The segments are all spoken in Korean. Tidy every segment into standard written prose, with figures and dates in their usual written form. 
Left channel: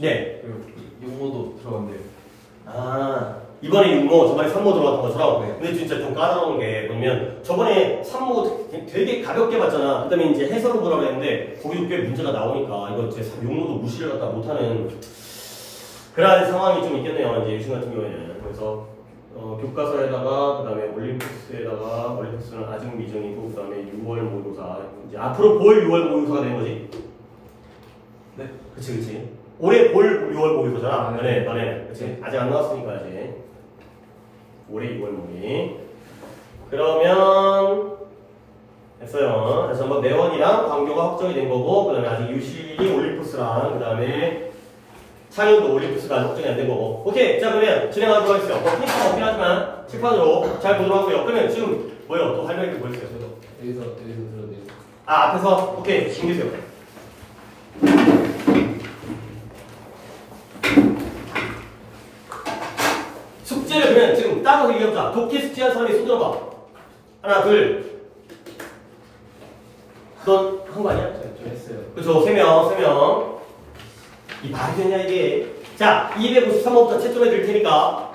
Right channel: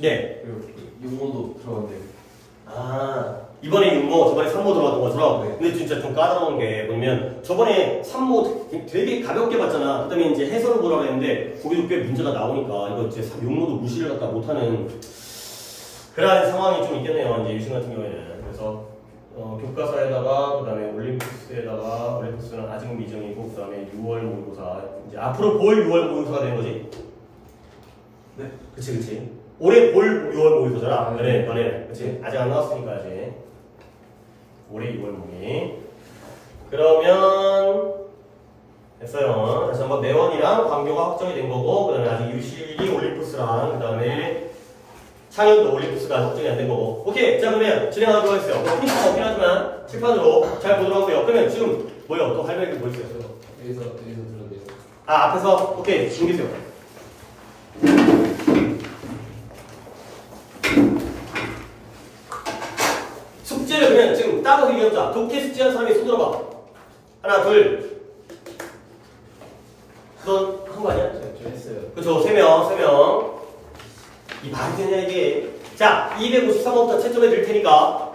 네. 육모도 들어간대요. 아, 이번에 6모, 저번에 3모 들어갔던 것처럼. 근데 진짜 좀 까다로운 게 뭐냐면 저번에 3모 되게 가볍게 봤잖아. 그다음에 이제 해설로 보라고 했는데 거기도 꽤 문제가 나오니까 이거 이제 6모도 무시를 갖다 못하는 그런 상황이 좀 있겠네요. 이제 유신 같은 경우에는. 그래서 교과서에다가 그다음에 올림푸스에다가 올림푸스는 아직 미정이고 그다음에 6월 모의고사 이제 앞으로 볼 6월 모의고사가 되는 거지. 네. 그치. 올해 볼 6월 모의고사잖아. 너네. 그치? 아직 안 나왔으니까 아직. 올해 6월 모의. 그러면 됐어요. 다시 한번 내원이랑 강요가 확정이 된 거고, 그 다음에 아직 유식이 올림푸스랑, 그 다음에 창현도 올림푸스가 아직 확정이 안 된 거고. 오케이. 자, 그러면 진행하도록 하겠습니다. 힌트가 없긴 하지만 칠판으로 잘 보도록 하고요. 그러면 지금 뭐요? 또 할 말이 뭐 있어요? 여기서 들었네요. 아, 앞에서? 오케이. 준비세요. 숙제를 그냥 지금 따로 얘기해보자. 독해 숙제한 사람이 손 들어봐. 하나, 둘. 넌 한 거 아니야? 저 했어요. 그쵸, 3명. 이 말이 되냐, 이게. 자, 253호부터 채점해 드릴 테니까,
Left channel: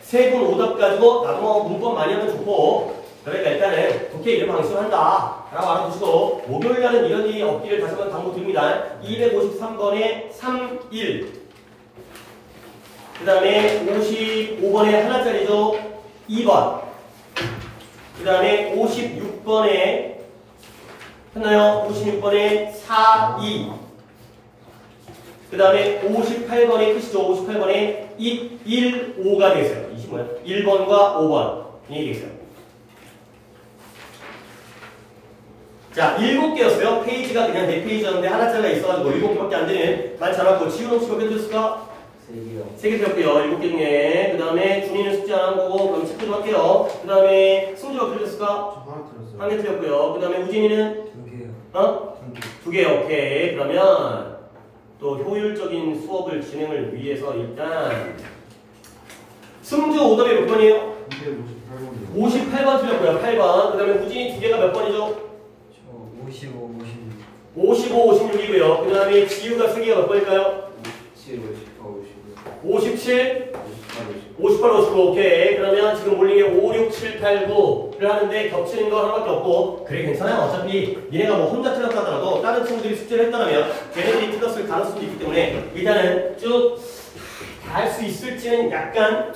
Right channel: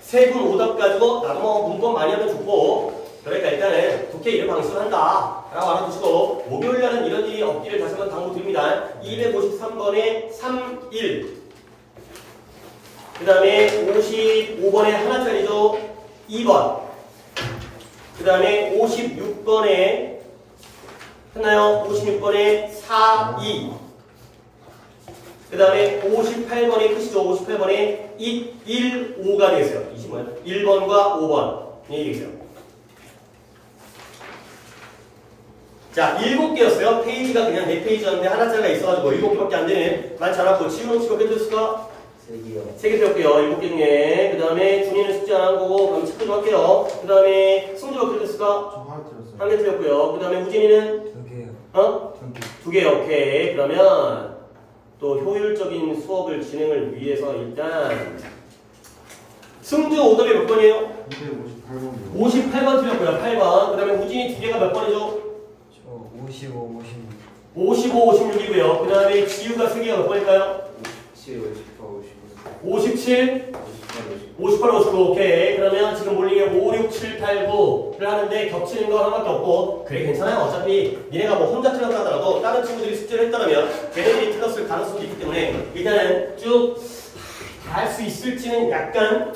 세 분 오답 가지고, 나도 뭐 문법 많이 하면 좋고, 그러니까 일단은 독해 이런 방식으로 한다. 라고 알아두시고, 목요일날은 이런 일이 없기를 다시 한번 당부드립니다. 253번에 3, 1. 그 다음에 55번에 하나짜리죠. 2번. 그 다음에 56번에 했나요? 56번에 4, 2. 그 다음에 58번에 끝이죠. 58번에 1, 5가 되겠어요. 20 뭐야? 1번과 5번. 이 되겠어요. 자, 7개였어요. 페이지가 그냥 4페이지였는데 하나짜리가 있어가지고 7개밖에 안 되는. 많지 않았고, 지우는 혹시 몇 개 들었을까? 3개 되었고요. 7개 중에. 그 다음에 준이는 숙제 안 한 거고, 그럼 체크 좀 할게요. 그 다음에 승주가 몇 개 들었을까? 저 하나 들었어요. 1개 틀렸고요. 그 다음에 우진이는? 2개요. 어? 2개, 오케이. 그러면 또 효율적인 수업을 진행을 위해서 일단 승주 오답이 몇 번이에요? 258번이요. 58번 틀렸고요. 8번. 그 다음에 우진이 2개가 몇 번이죠? 저 55, 56. 55, 56이고요. 그 다음에 지우가 3개가 몇 번일까요? 57, 58, 55. 57, 58, 58, 59. 오케이. 그러면 지금 몰링에 5, 6, 7, 8, 9를 하는데 겹치는 거 하나밖에 없고 그래 괜찮아요. 어차피 니네가 뭐 혼자 틀렸다 하더라도 다른 친구들이 숙제를 했다면 걔네들이 틀렸을 가능성도 있기 때문에 일단은 쭉 다 할 수 있을지는 약간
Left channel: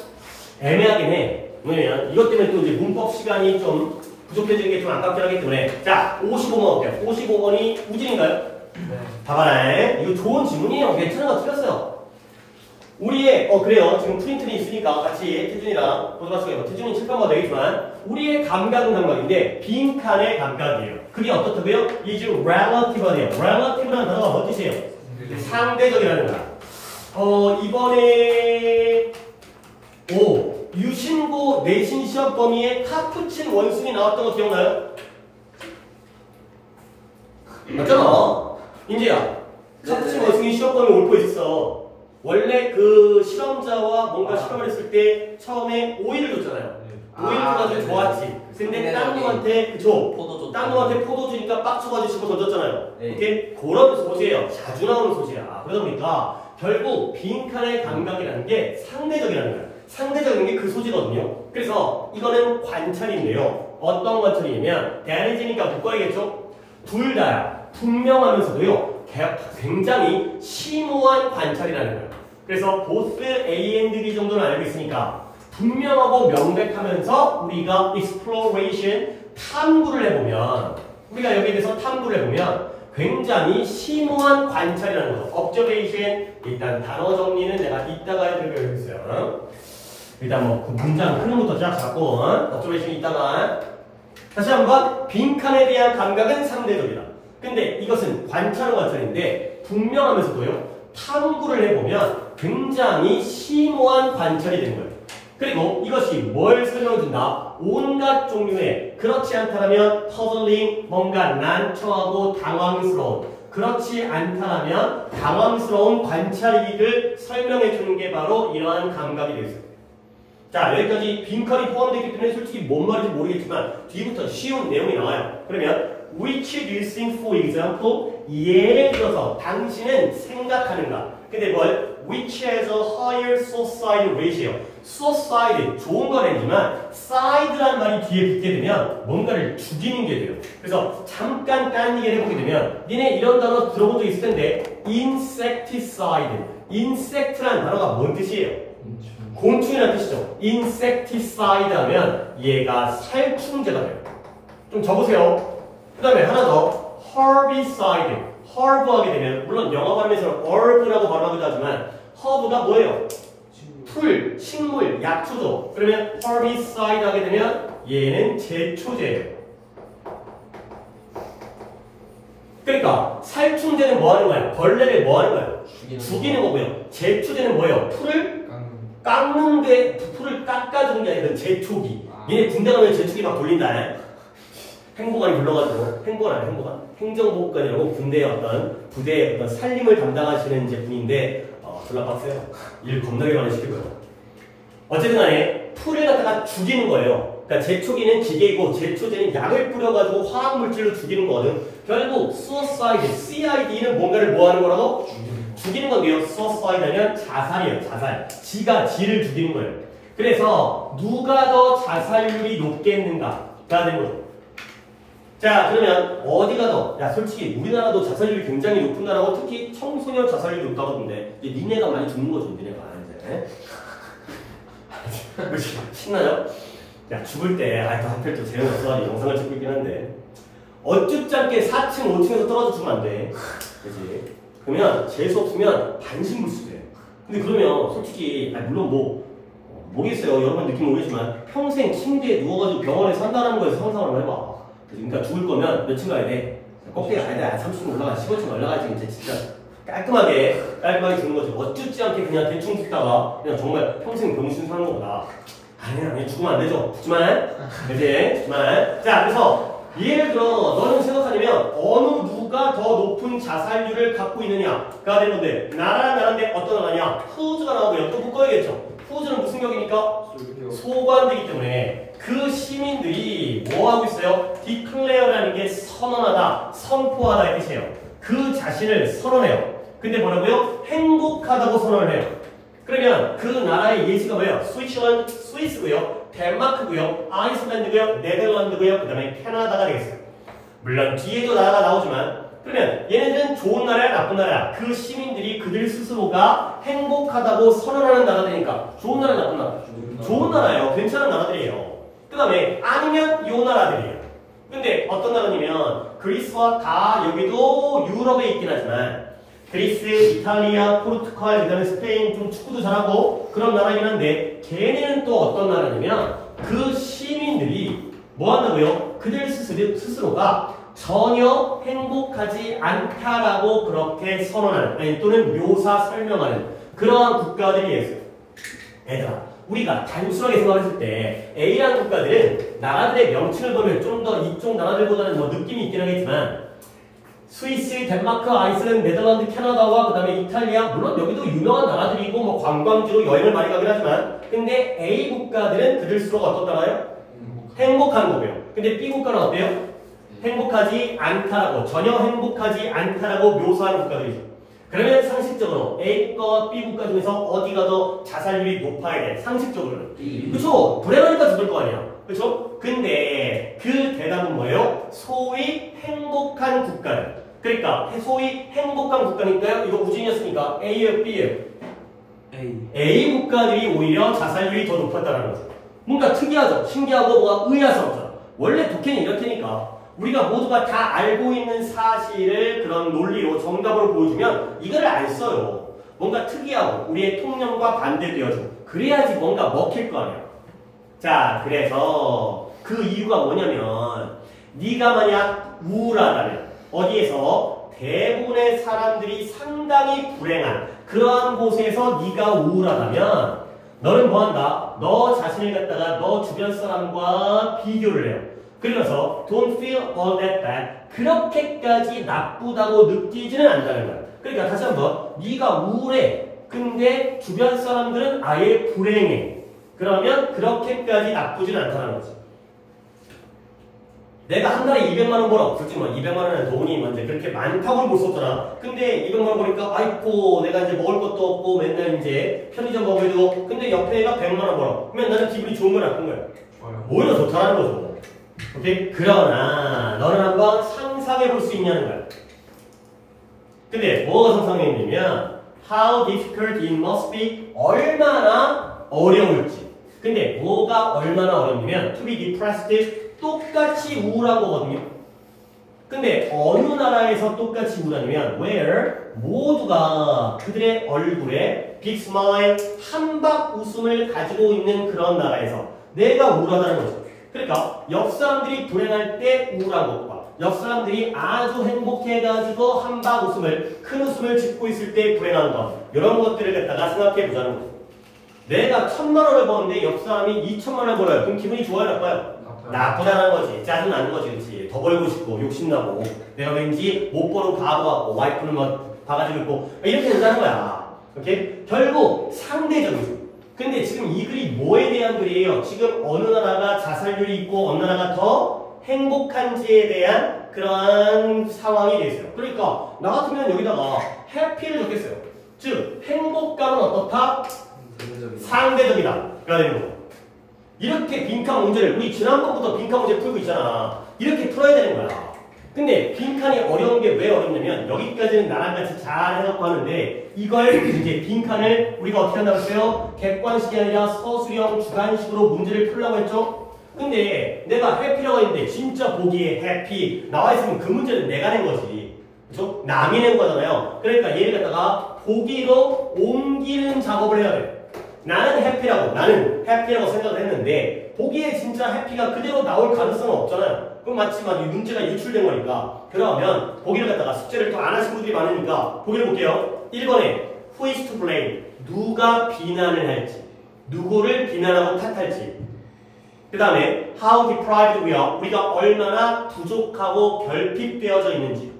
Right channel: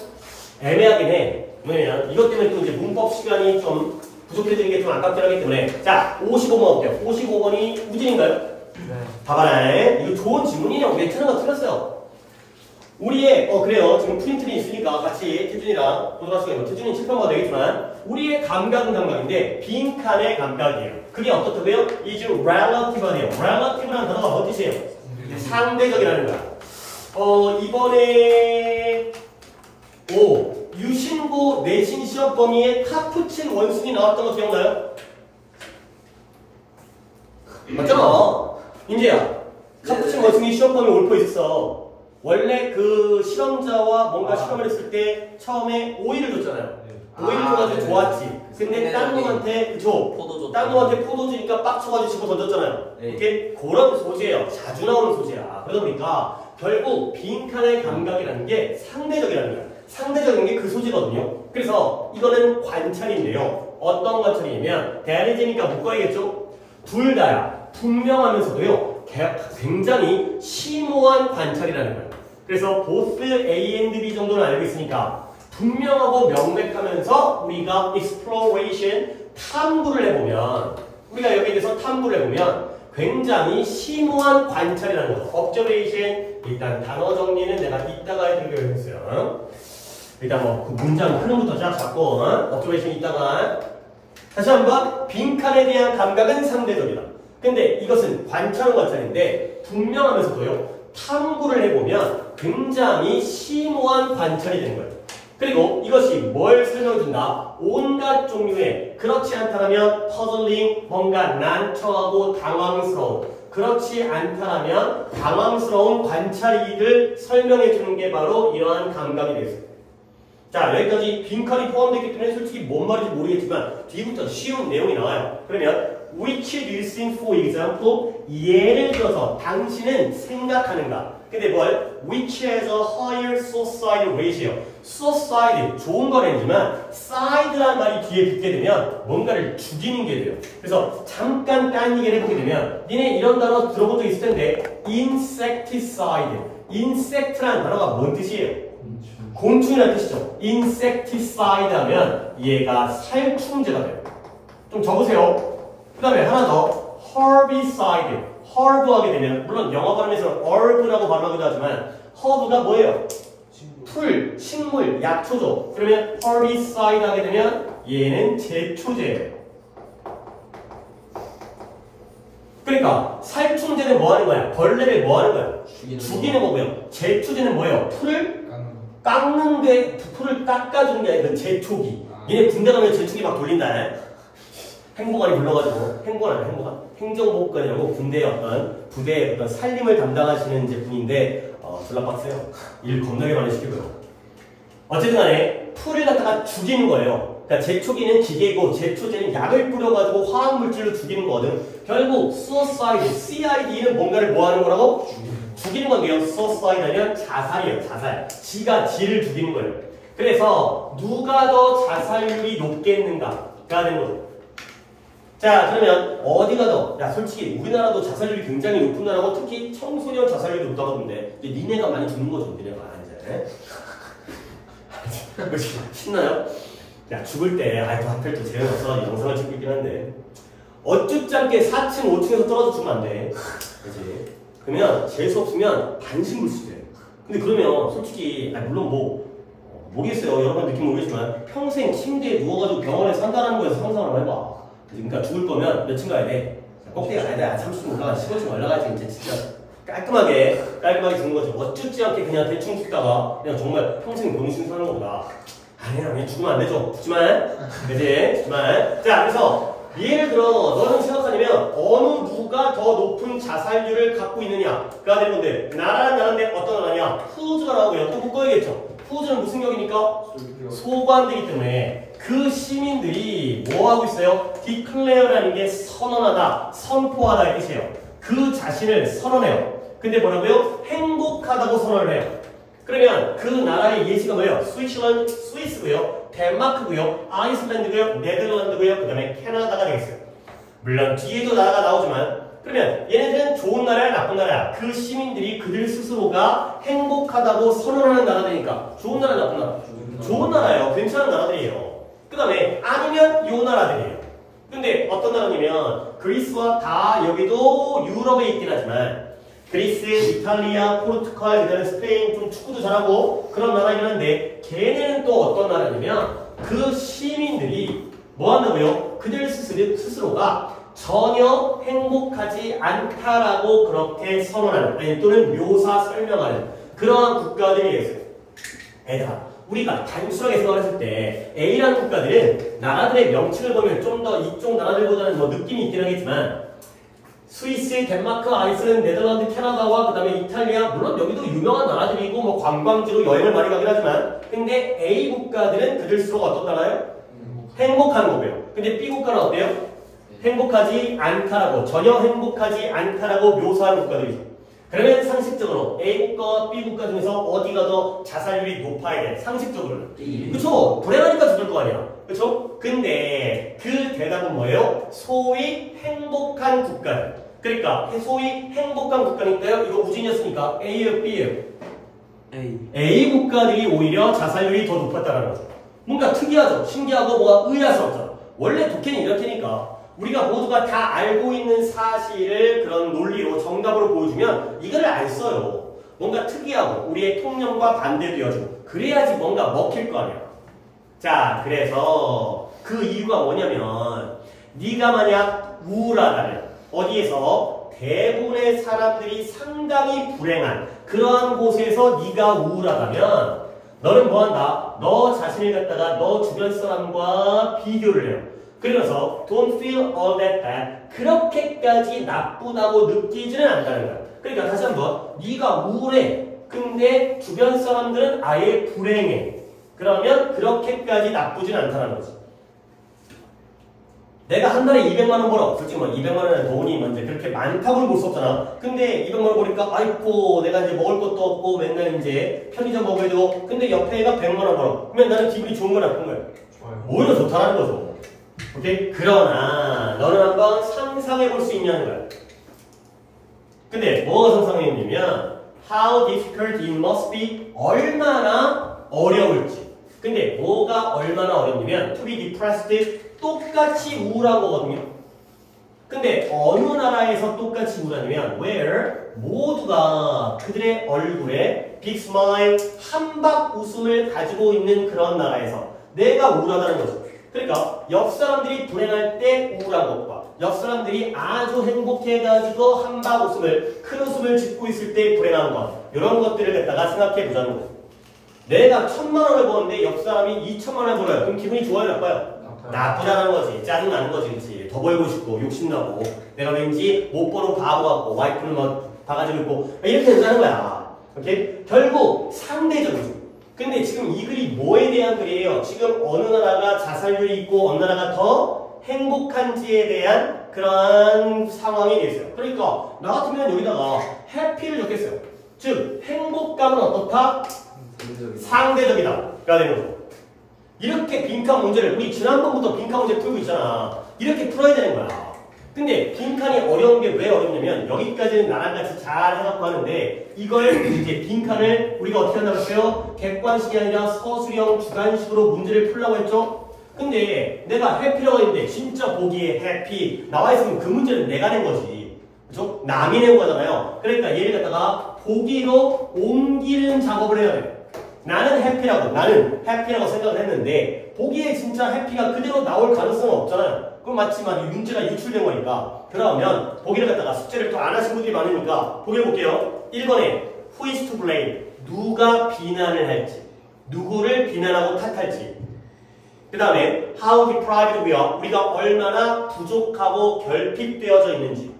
애매하긴 해. 뭐냐면 이것 때문에 또 이제 문법 시간이 좀 부족해지는 게 좀 안타깝긴 하기 때문에 자 55번 볼게요. 55번이 우진인가요? 네. 봐봐라. 이거 좋은 질문이에요. 괜찮은 거 틀렸어요. 우리의 그래요. 지금 프린트는 있으니까 같이 태준이랑 보도록 하시고요. 태준이는 칠판마다 되겠지만 우리의 감각은 감각인데 빈칸의 감각이에요. 그게 어떻다고요? is relative하네요. relative라는 단어가 뭔 뜻이에요? 상대적이라는 거야. 이번에 유신고 내신 시험 범위에 카푸친 원순이 나왔던 거 기억나요? 맞잖아. 인재야. 카푸친 원숭이 시험 범위 옳고 있어. 원래 그 실험자와 뭔가 실험을 했을 때 처음에 오이를 줬잖아요. 오이를 줘가지고 좋았지. 근데 딴 놈한테 딴 놈한테 포도 주니까 빡쳐가지고 씹어 던졌잖아요. 오케이? 그런 소재예요. 자주 나오는 소재야. 그러다 보니까 결국 빈칸의 감각이라는 게 상대적이라는 거예요. 상대적인 게 그 소재거든요. 그래서 이거는 관찰인데요. 어떤 관찰이냐면 대안해지니까 묶어야겠죠? 둘 다야. 분명하면서도요. 굉장히 심오한 관찰이라는 거예요. 그래서 both A and B 정도는 알고 있으니까 분명하고 명백하면서 우리가 exploration, 탐구를 해보면 우리가 여기에 대해서 탐구를 해보면 굉장히 심오한 관찰이라는 거죠. observation, 일단 단어 정리는 내가 이따가 해드리기로 했어요. 일단 뭐 그 문장 흐름부터 쫙 잡고 observation 이따가 다시 한번 빈칸에 대한 감각은 상대적이다. 근데 이것은 관찰인데 분명하면서도요. 탐구를 해보면 굉장히 심오한 관찰이 되는 거예요. 그리고 이것이 뭘 설명해준다? 온갖 종류의 그렇지 않다면 puzzling, 뭔가 난처하고 당황스러운 그렇지 않다면 당황스러운 관찰이익을 설명해주는 게 바로 이러한 감각이 되겠어요. 자, 여기까지 빈칸이 포함되어 있기 때문에 솔직히 뭔 말인지 모르겠지만 뒤부터 쉬운 내용이 나와요. 그러면 which do you think, for example, 예를 들어서 당신은 생각하는가? 근데 뭘? Which has a higher suicide ratio. suicide 좋은 건 아니지만 side라는 말이 뒤에 붙게 되면 뭔가를 죽이는 게 돼요. 그래서 잠깐 다른 얘기를 해보게 되면 니네 이런 단어 들어본 적 있을 텐데 insecticide. insect라는 단어가 뭔 뜻이에요? 곤충이라는 뜻이죠. insecticide 하면 얘가 살충제가 돼요. 좀 적으세요. 그 다음에 하나 더 herbicide. herb 하게 되면 물론 영어 발음에서는 herb라고 발음하기도 하지만 her브가 뭐예요? 풀, 식물, 약초죠. 그러면 herbicide 하게 되면 얘는 제초제예요. 그러니까 살충제는 뭐 하는 거야? 벌레를 뭐 하는 거야? 죽이는 거고요. 제초제는 뭐예요? 풀을 깎는데 풀을 깎아주는 게 아니라 제초기. 얘네 군대 가면 제초기 막 돌린다. 행보관이 불러가지고 행정복관이라고 군대의 어떤 부대의 어떤 살림을 담당하시는 이제 분인데 졸라 빡세요. 일 겁나게 많이 시키고요. 어쨌든 간에 풀을 갖다가 죽이는 거예요. 그러니까 제초기는 기계이고 제초제는 약을 뿌려가지고 화학물질로 죽이는 거거든. 결국 suicide, CID는 뭔가를 뭐 하는 거라고? 죽이는 건데요. suicide 하면 자살이에요. 자살. 지가 지를 죽이는 거예요. 그래서 누가 더 자살률이 높겠는가가 되는 거죠. 자, 그러면 어디가 더? 야, 솔직히 우리나라도 자살률이 굉장히 높은 나라고 특히 청소년 자살률이 높다고 하던데 이제 니네가 많이 죽는 거죠, 니네가 이제. 신나요? 야, 죽을 때 하필 또 재능 없어가지고 영상을 찍고 있긴 한데 어쭙지 않게 4층, 5층에서 떨어져 죽으면 안 돼. 그치? 그러면 재수 없으면 반신불수돼. 근데 그러면 솔직히 물론 모르겠어요. 여러분 느낌 모르겠지만 평생 침대에 누워가지고 병원에 산다는 거에서 상상을 한번 해봐. 그러니까 죽을 거면 몇 층 가야 돼? 꼭대기 가야 돼. 30층 올라가, 15층 올라가야지 이제 진짜 깔끔하게 죽는 거죠. 어쭙지 않게 그냥 대충 죽다가 그냥 정말 평생 병신 사는 거보다 아니 죽으면 안 되죠. 죽지만 그치? 죽지만 자 그래서 예를 들어 너는 생각하냐면 어느 누가 더 높은 자살률을 갖고 있느냐가 되는 건데 나라는 나라인데 어떤 나라냐? 후즈가 나오고요. 또 묶어야겠죠. 후즈는 무슨 격이니까? 소관되기 때문에 그 시민들이 뭐 하고 있어요? declare라는 게 선언하다, 선포하다 이 뜻이에요. 그 자신을 선언해요. 근데 뭐라고요? 행복하다고 선언을 해요. 그러면 그 나라의 예시가 뭐예요? 스위스고요, 덴마크고요, 아이슬란드고요, 네덜란드고요, 그 다음에 캐나다가 되겠어요. 물론 뒤에도 나라가 나오지만 그러면 얘네들은 좋은 나라야 나쁜 나라야? 그 시민들이 그들 스스로가 행복하다고 선언하는 나라들이니까 좋은 나라 나쁜 나라? 좋은 나라예요. 괜찮은 나라들이에요. 그 다음에 아니면 요 나라들이에요. 근데 어떤 나라냐면 그리스와 다 여기도 유럽에 있긴 하지만 그리스, 이탈리아, 포르투갈, 그 다음에 스페인 좀 축구도 잘하고 그런 나라이긴 한데 걔네는 또 어떤 나라냐면 그 시민들이 뭐 한다고요? 그들 스스로가 전혀 행복하지 않다라고 그렇게 선언하는 아니 또는 묘사 설명하는 그러한 국가들이 있어요. 우리가 단순하게 생각했을 때 A라는 국가들은 나라들의 명칭을 보면 좀 더 이쪽 나라들보다는 뭐 느낌이 있긴 하겠지만 스위스, 덴마크, 아이슬란드, 네덜란드, 캐나다와 그 다음에 이탈리아 물론 여기도 유명한 나라들이고 뭐 관광지로 여행을 많이 가긴 하지만 근데 A 국가들은 그들 스스로가 어떻다나요? 행복한 거고요. 근데 B 국가는 어때요? 행복하지 않다라고 전혀 행복하지 않다라고 묘사하는 국가들이죠. 그러면 상식적으로 A 국가와 B 국가 중에서 어디가 더 자살률이 높아야 돼? 상식적으로는. 그쵸? 불행하니까 죽을 거 아니야. 그쵸? 근데 그 대답은 뭐예요? 소위 행복한 국가들. 그러니까 소위 행복한 국가니까요. 이거 우진이었으니까 A예요? B예요? A 국가들이 오히려 자살률이 더 높았다는 거죠. 뭔가 특이하죠? 신기하고 뭐가 의아스럽잖아. 원래 독해는 이렇게니까 우리가 모두가 다 알고 있는 사실을 그런 논리로 정답으로 보여주면 이거를 안 써요. 뭔가 특이하고 우리의 통념과 반대되어지고 그래야지 뭔가 먹힐 거 아니야. 자, 그래서 그 이유가 뭐냐면 네가 만약 우울하다면 어디에서 대부분의 사람들이 상당히 불행한 그러한 곳에서 네가 우울하다면 너는 뭐한다? 너 자신을 갖다가 너 주변 사람과 비교를 해요. 그래서 don't feel all that bad. 그렇게까지 나쁘다고 느끼지는 않는다는 거야. 그러니까 다시 한번 네가 우울해. 근데 주변 사람들은 아예 불행해. 그러면 그렇게까지 나쁘지는 않다는 거지. 내가 한 달에 200만 원 벌어. 솔직히 뭐 200만 원은 돈이 먼저 그렇게 많다고는 볼 수 없잖아. 근데 200만 원 보니까 아이고 내가 이제 먹을 것도 없고 맨날 이제 편의점 먹어야 되고 근데 옆에 애가 100만 원 벌어. 그러면 나는 기분이 좋은 거야 나쁜 거야? 좋아요. 오히려 좋다라는 거죠. 오케이? 그러나 너는 한번 상상해 볼 수 있냐는 거야. 근데 뭐가 상상했냐면 how difficult it must be 얼마나 어려울지. 근데 뭐가 얼마나 어렵냐면 to be depressed 똑같이 우울한 거거든요. 근데 어느 나라에서 똑같이 우울하냐면 where 모두가 그들의 얼굴에 big smile 한박 웃음을 가지고 있는 그런 나라에서 내가 우울하다는 거죠. 그러니까 옆 사람들이 불행할 때 우울한 것과 옆 사람들이 아주 행복해가지고 한박 웃음을 큰 웃음을 짓고 있을 때 불행한 것 이런 것들을 갖다가 생각해 보자는 거죠. 내가 1000만 원을 버는데 옆 사람이 2000만 원을 벌어요. 그럼 기분이 좋아요 나빠요? 나쁘다는 거지. 짜증나는 거지. 그렇지. 더 벌고 싶고 욕심나고 내가 왠지 못 버는 바보 같고 와이프는 뭐 바가지로 있고 이렇게 된다는 거야. 오케이? 결국 상대적이죠. 근데 지금 이 글이 뭐에 대한 글이에요? 지금 어느 나라가 자살률이 있고 어느 나라가 더 행복한지에 대한 그러한 상황이 되어있어요. 그러니까 나 같으면 여기다가 해피를 적겠어요. 즉 행복감은 어떻다? 상대적이다가 되는 거죠. 이렇게 빈칸 문제를 우리 지난번부터 빈칸 문제 풀고 있잖아. 이렇게 풀어야 되는 거야. 근데 빈칸이 어려운 게 왜 어렵냐면 여기까지는 나랑 같이 잘 해갖고 하는데 이걸 이제 빈칸을 우리가 어떻게 한다고 했어요? 객관식이 아니라 서술형 주관식으로 문제를 풀려고 했죠? 근데 내가 해피라고 했는데 진짜 보기에 해피 나와 있으면 그 문제는 내가 낸 거지. 그죠? 남이 낸 거잖아요. 그러니까 얘를 갖다가 보기로 옮기는 작업을 해야 돼. 나는 해피라고 생각을 했는데 보기에 진짜 해피가 그대로 나올 가능성은 없잖아요. 그럼 마치만 이 문제가 유출된 거니까 그러면 보기를 갖다가 숙제를 또 안 하신 분들이 많으니까 보기를 볼게요. 1번에 Who is to blame? 누가 비난을 할지 누구를 비난하고 탓할지 그 다음에 How deprived we are? 우리가 얼마나 부족하고 결핍되어져 있는지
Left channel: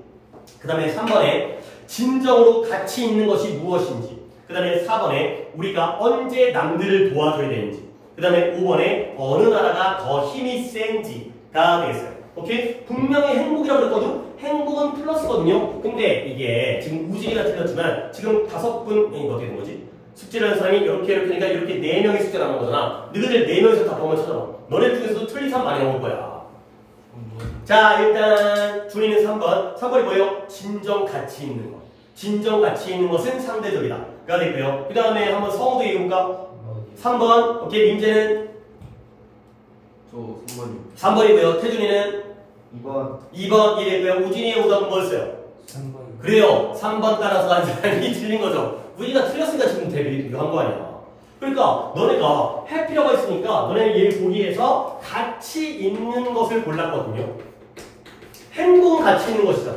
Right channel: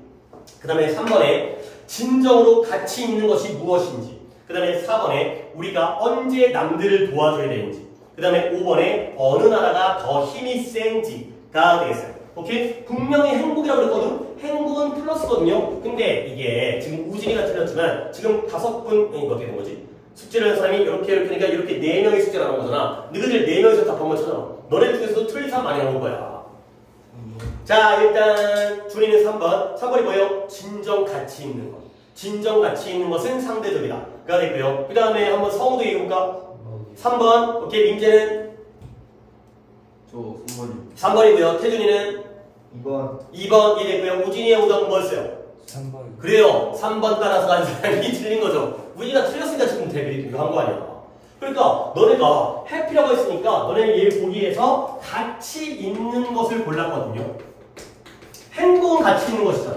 그 다음에 3번에 진정으로 가치 있는 것이 무엇인지 그 다음에 4번에 우리가 언제 남들을 도와줘야 되는지 그 다음에 5번에 어느 나라가 더 힘이 센지가 되겠어요. 오케이? 분명히 행복이라고 그랬거든? 행복은 플러스거든요. 근데 이게 지금 우진이가 틀렸지만 지금 5분 이거 어떻게 된 거지? 숙제를 하는 사람이 이렇게 하니까 이렇게 4명이 숙제를 하는 거잖아. 너희들 4명이서 답 한번 찾아봐. 너네 중에서도 틀린 사람 많이 나올 거야. 자 일단 준이는 3번이 뭐예요? 진정 가치 있는 거. 진정 가치 있는 것은 상대적이다. 가 되고요. 그 다음에 한번 성우도 읽어볼까? 3번. 오케이, 민재는? 저 2번이요. 3번이고요. 태준이는? 2번. 2번 이랬고요. 우진이의 오답은 뭐였어요? 3번. 그래요. 3번 따라서 간 사람이 틀린 거죠. 우진이가 틀렸으니까 지금 대비한 거 아니야. 그러니까 너네가 해피라고 했으니까 너네 얘 보기에서 가치 있는 것을 골랐거든요. 행복은 가치 있는 것이잖아.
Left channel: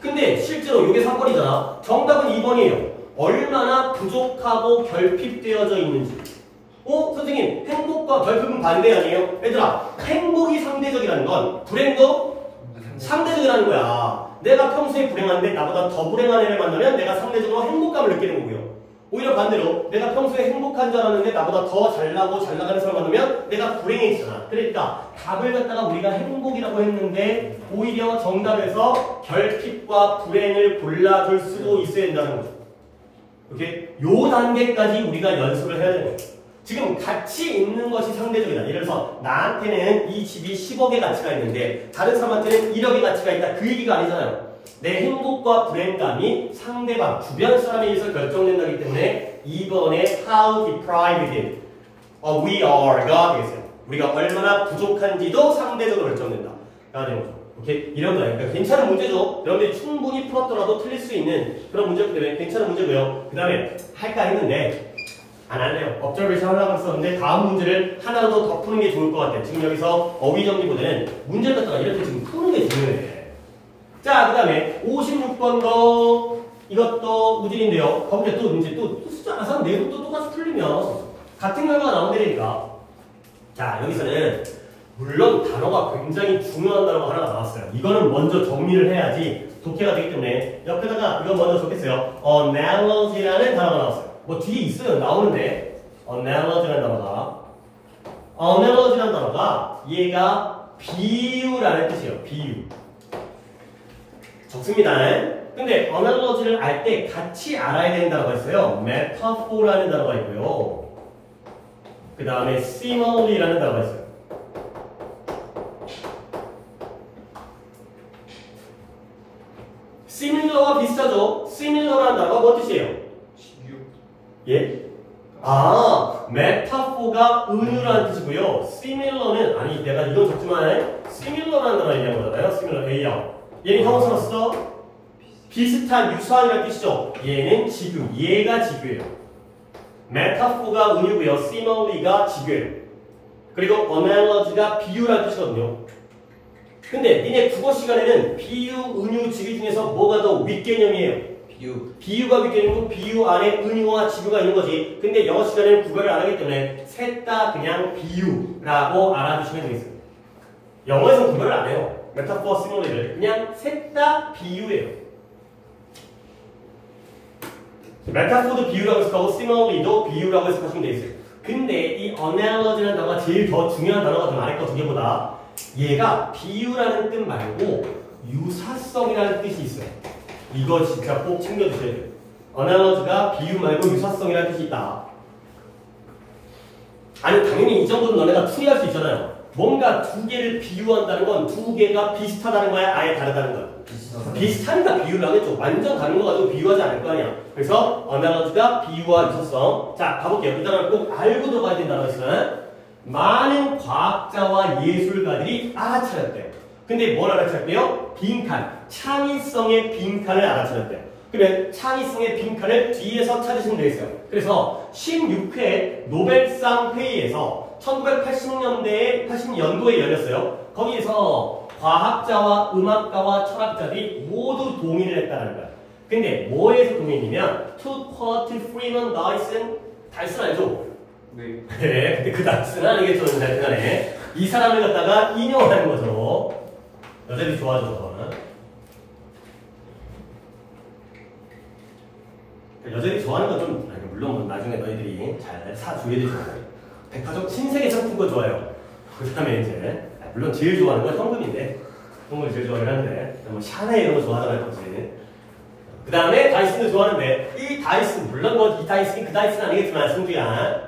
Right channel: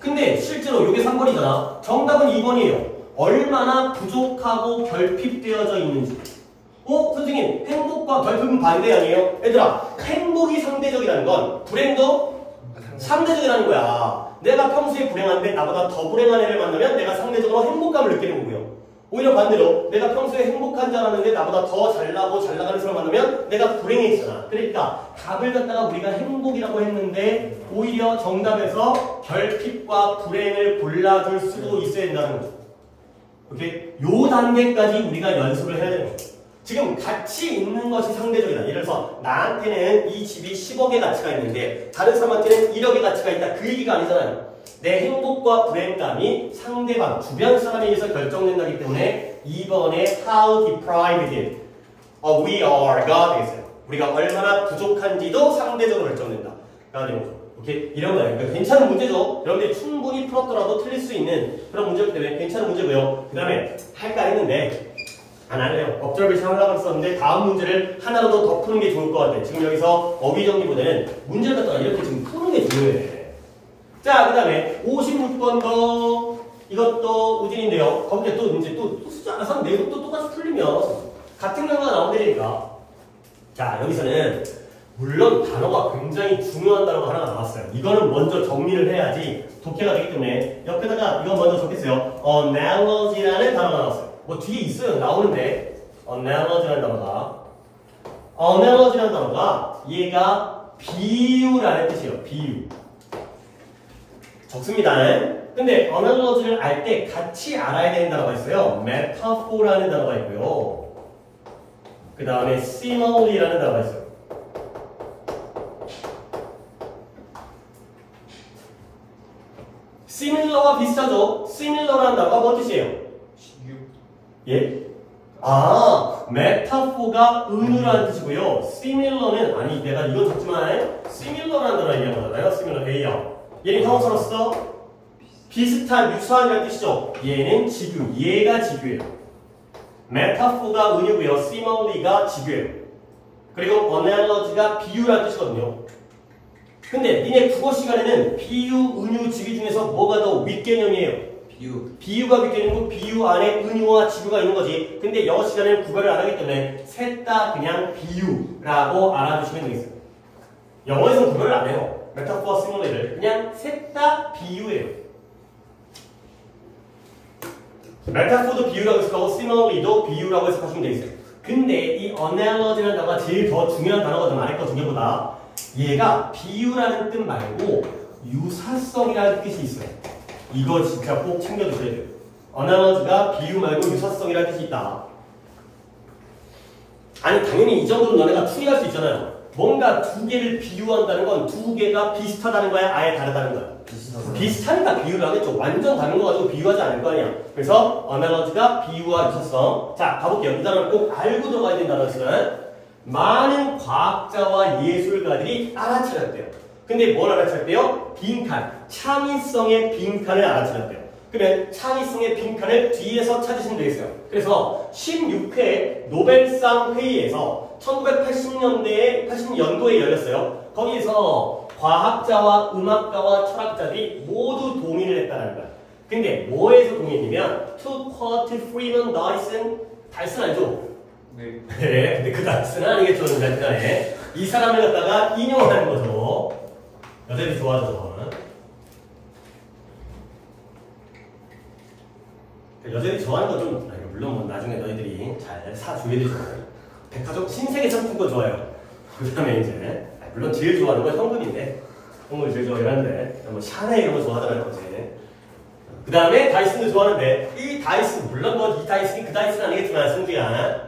근데 실제로 이게 3번이잖아. 정답은 2번이에요. 얼마나 부족하고 결핍되어져 있는지. 선생님 행복과 결핍은 반대 아니에요? 얘들아 행복이 상대적이라는 건 불행도 상대적이라는 거야. 내가 평소에 불행한데 나보다 더 불행한 애를 만나면 내가 상대적으로 행복감을 느끼는 거고요. 오히려 반대로 내가 평소에 행복한 줄 알았는데 나보다 더 잘나고 잘 나가는 사람을 만나면 내가 불행해지잖아. 그러니까 답을 갖다가 우리가 행복이라고 했는데 오히려 정답에서 결핍과 불행을 골라줄 수도 있어야 된다는 거죠. 오케이? 요 단계까지 우리가 연습을 해야 되는 거예요. 지금 가치 있는 것이 상대적이다. 예를 들어서 나한테는 이 집이 10억의 가치가 있는데 다른 사람한테는 1억의 가치가 있다. 그 얘기가 아니잖아요. 내 행복과 불행감이 상대방, 주변 사람에 의해서 결정된다기 때문에 2번에 how deprived we are가 되겠어요. 우리가 얼마나 부족한지도 상대적으로 결정된다. 가 되는 거죠. 오케이? 이런 거예요. 그러니까 괜찮은 문제죠. 여러분들이 충분히 풀었더라도 틀릴 수 있는 그런 문제이기 때문에 괜찮은 문제고요. 그 다음에 할까 했는데 안 할래요. observation 하려고 했었는데 다음 문제를 하나로 더 푸는 게 좋을 것 같아. 지금 여기서 어휘 정리보다는 문제를 갖다가 이렇게 지금 푸는 게 중요해. 자, 그 다음에 56번도 이것도 우진인데요. 거기에 또 이제 또 숫자 하나 내용도 똑같이 풀리면 같은 결과가 나온다니까. 자, 여기서는 물론 단어가 굉장히 중요한 단어가 하나가 나왔어요. 이거는 먼저 정리를 해야지 독해가 되기 때문에 옆에다가 이거 먼저 적겠어요. analogy라는 단어가 나왔어요. 뭐 뒤에 있어요. 나오는데 analogy라는 단어가 얘가 비유라는 뜻이에요. 비유. 적습니다. 근데 어널러지를 알 때 같이 알아야 되는 단어가 있어요. 메타포라는 단어가 있고요. 그 다음에 시멀리라는 단어가 있어요. 시밀러와 비슷하죠? 시밀러라는 단어가 뭐 뜻이에요? 예? 메타포가 은유라는 뜻이고요. 시밀러는, 아니, 내가 이건 적지만, 시밀러라는 단어 얘기한 거잖아요. 시밀러, A형. 얘는 형용사로서 비슷한, 유사한이라는 뜻이죠. 얘는 지규, 얘가 지규예요. 메타포가 은유고요. 시멀리가 지규예요. 그리고 어널러지가 비유라는 뜻이거든요. 근데 니네 국어 시간에는 비유, 은유, 지규 중에서 뭐가 더 윗개념이에요? 비유가 윗개념이고 비유 안에 은유와 지규가 있는 거지. 근데 영어 시간에는 구별을 안 하기 때문에 셋 다 그냥 비유라고 알아주시면 되겠습니다. 영어에서는 구별을 안 해요. 메타포와 시멀리를 그냥 셋 다 비유예요. 메타포도 비유라고 해석하고 시멀리도 비유라고 해석하시면 되겠어요. 근데 이 어널러지라는 단어가 제일 더 중요한 단어가 더 많을 거 두 개보다 얘가 비유라는 뜻 말고 유사성이라는 뜻이 있어요. 이거 진짜 꼭 챙겨주셔야 돼요. 어널러지가 비유 말고 유사성이라는 뜻이 있다. 아니 당연히 이 정도는 너네가 풀이할 수 있잖아요. 뭔가 두 개를 비유한다는 건 두 개가 비슷하다는 거야? 아예 다르다는 거야? 비슷하니까 비유를 하겠죠. 완전 다른 거 가지고 비유하지 않을 거 아니야. 그래서 어널러지가 비유와 유사성. 자 가볼게요. 이 단어를 꼭 알고 들어가야 된다는 것은 많은 과학자와 예술가들이 알아차렸대요. 근데 뭘 알아차렸대요? 빈칸, 창의성의 빈칸을 알아차렸대요. 그러면 창의성의 빈칸을 뒤에서 찾으시면 되겠어요. 그래서 16회 노벨상 회의에서 1980년도에 열렸어요. 거기에서 과학자와 음악가와 철학자들이 모두 동의를 했다는 거야. 근데 뭐에서 동의했냐면 투퍼트 프리먼 다이슨 알죠? 네. 그래, 근데 그 다이슨은 아니겠죠, 간에 이 사람을 갖다가 인용하는 거죠. 여자들이 좋아하죠. 여자들이 좋아하는 건 좀, 물론 뭐 나중에 너희들이 잘 사줘야 되죠. 백화점 신세계 상품 거 좋아요. 그 다음에 이제, 물론 제일 좋아하는 건 현금인데, 현금을 제일 좋아하는데, 뭐 샤넬 이런 거 좋아하잖아요, 거지. 그 다음에 다이슨도 좋아하는데, 이 다이슨, 물론 뭐 이 다이슨이 그 다이슨 아니겠지만, 승주야.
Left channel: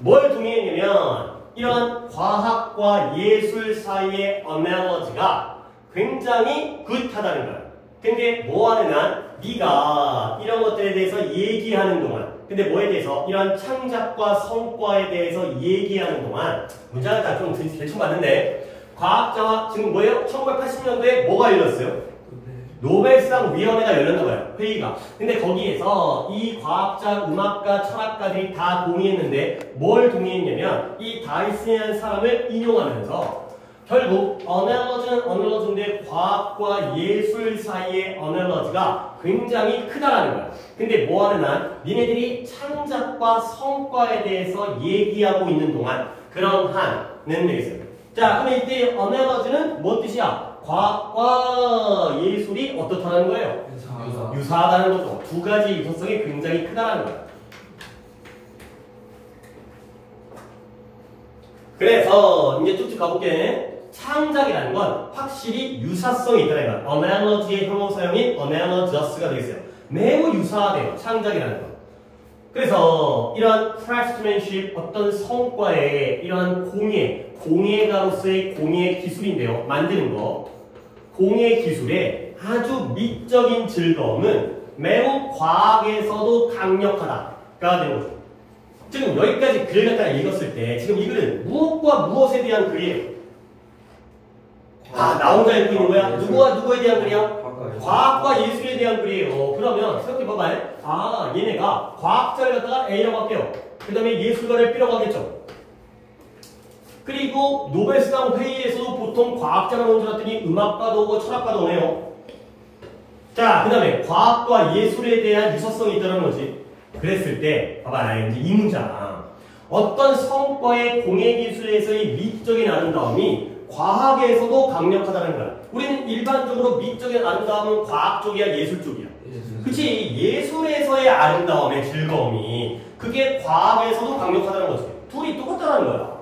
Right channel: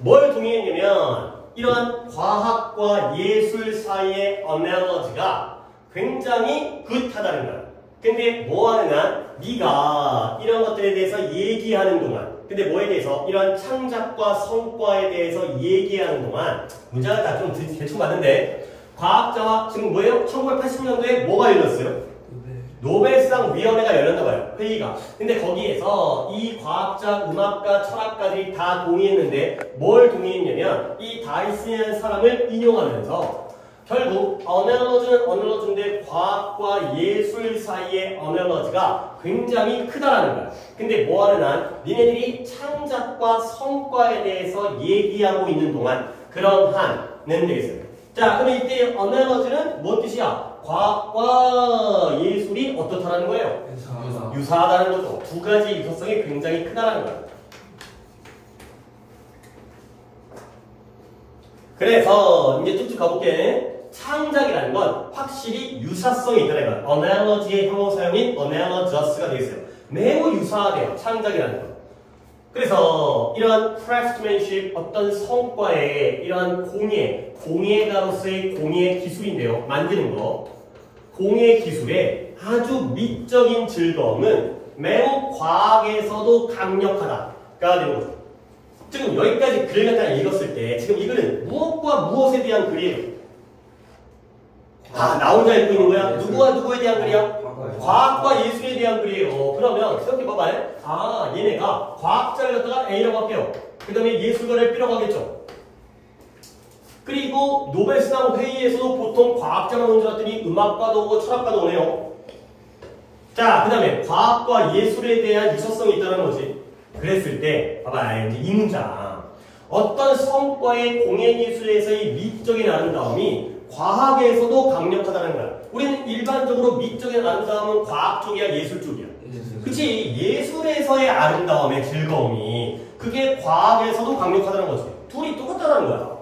뭘 동의했냐면, 이러한 과학과 예술 사이의 어널러지가 굉장히 굿하다는 거야. 근데 뭐 하느냐? 네가 이런 것들에 대해서 얘기하는 동안, 근데 뭐에 대해서? 이런 창작과 성과에 대해서 얘기하는 동안, 문제가 좀 대충 맞는데, 과학자와 지금 뭐예요? 1980년도에 뭐가 열렸어요? 노벨상 위원회가 열렸나 봐요. 회의가. 근데 거기에서 이 과학자, 음악가, 철학가들이 다 동의했는데 뭘 동의했냐면 이 다이슨이라는 사람을 인용하면서 결국 어널러지는 어널러지인데 과학과 예술 사이의 어널러지가 굉장히 크다라는 거야. 근데 뭐 하는 한 니네들이 창작과 성과에 대해서 얘기하고 있는 동안 그런 한은 되겠어요. 자, 그럼 이때 어널러지는 뭔 뜻이야? 과학과 예술이 어떻다는 거예요? 유사하다는 거죠. 두 가지 유사성이 굉장히 크다라는 거예요. 그래서 이제 쭉쭉 가볼게. 창작이라는 건 확실히 유사성이 있다는 거예요. analogy의 형용사형인 analogous가 되겠어요. 매우 유사하대요. 창작이라는 건. 그래서 이런 craftsmanship, 어떤 성과의 이런 공예가로서의 공예 기술인데요. 만드는 거. 공예 기술의 아주 미적인 즐거움은 매우 과학에서도 강력하다가 되는 거죠. 지금 여기까지 글을 갖다 읽었을 때 지금 이거는 무엇과 무엇에 대한 글이에요? 나 혼자 읽고 있는 거야? 누구와 누구에 대한 글이야? 과학과 예술에 대한 글이에요. 그러면 생각해봐봐요. 얘네가 과학자를 갖다가 A라고 할게요. 그 다음에 예술가를 B라고 하겠죠. 그리고 노벨상 회의에서도 보통 과학자만 오는 줄 알았더니 음악가도 오고 철학가도 오네요. 자, 그 다음에 과학과 예술에 대한 유사성이 있다는 거지. 그랬을 때 봐봐, 이제 이 문장. 어떤 성과의 공예기술에서의 미적인 아름다움이 과학에서도 강력하다는 거야. 우리는 일반적으로 미적인 아름다움은 과학 쪽이야, 예술 쪽이야. 그치? 예술에서의 아름다움의 즐거움이 그게 과학에서도 강력하다는 거지. 둘이 똑같다는 거야.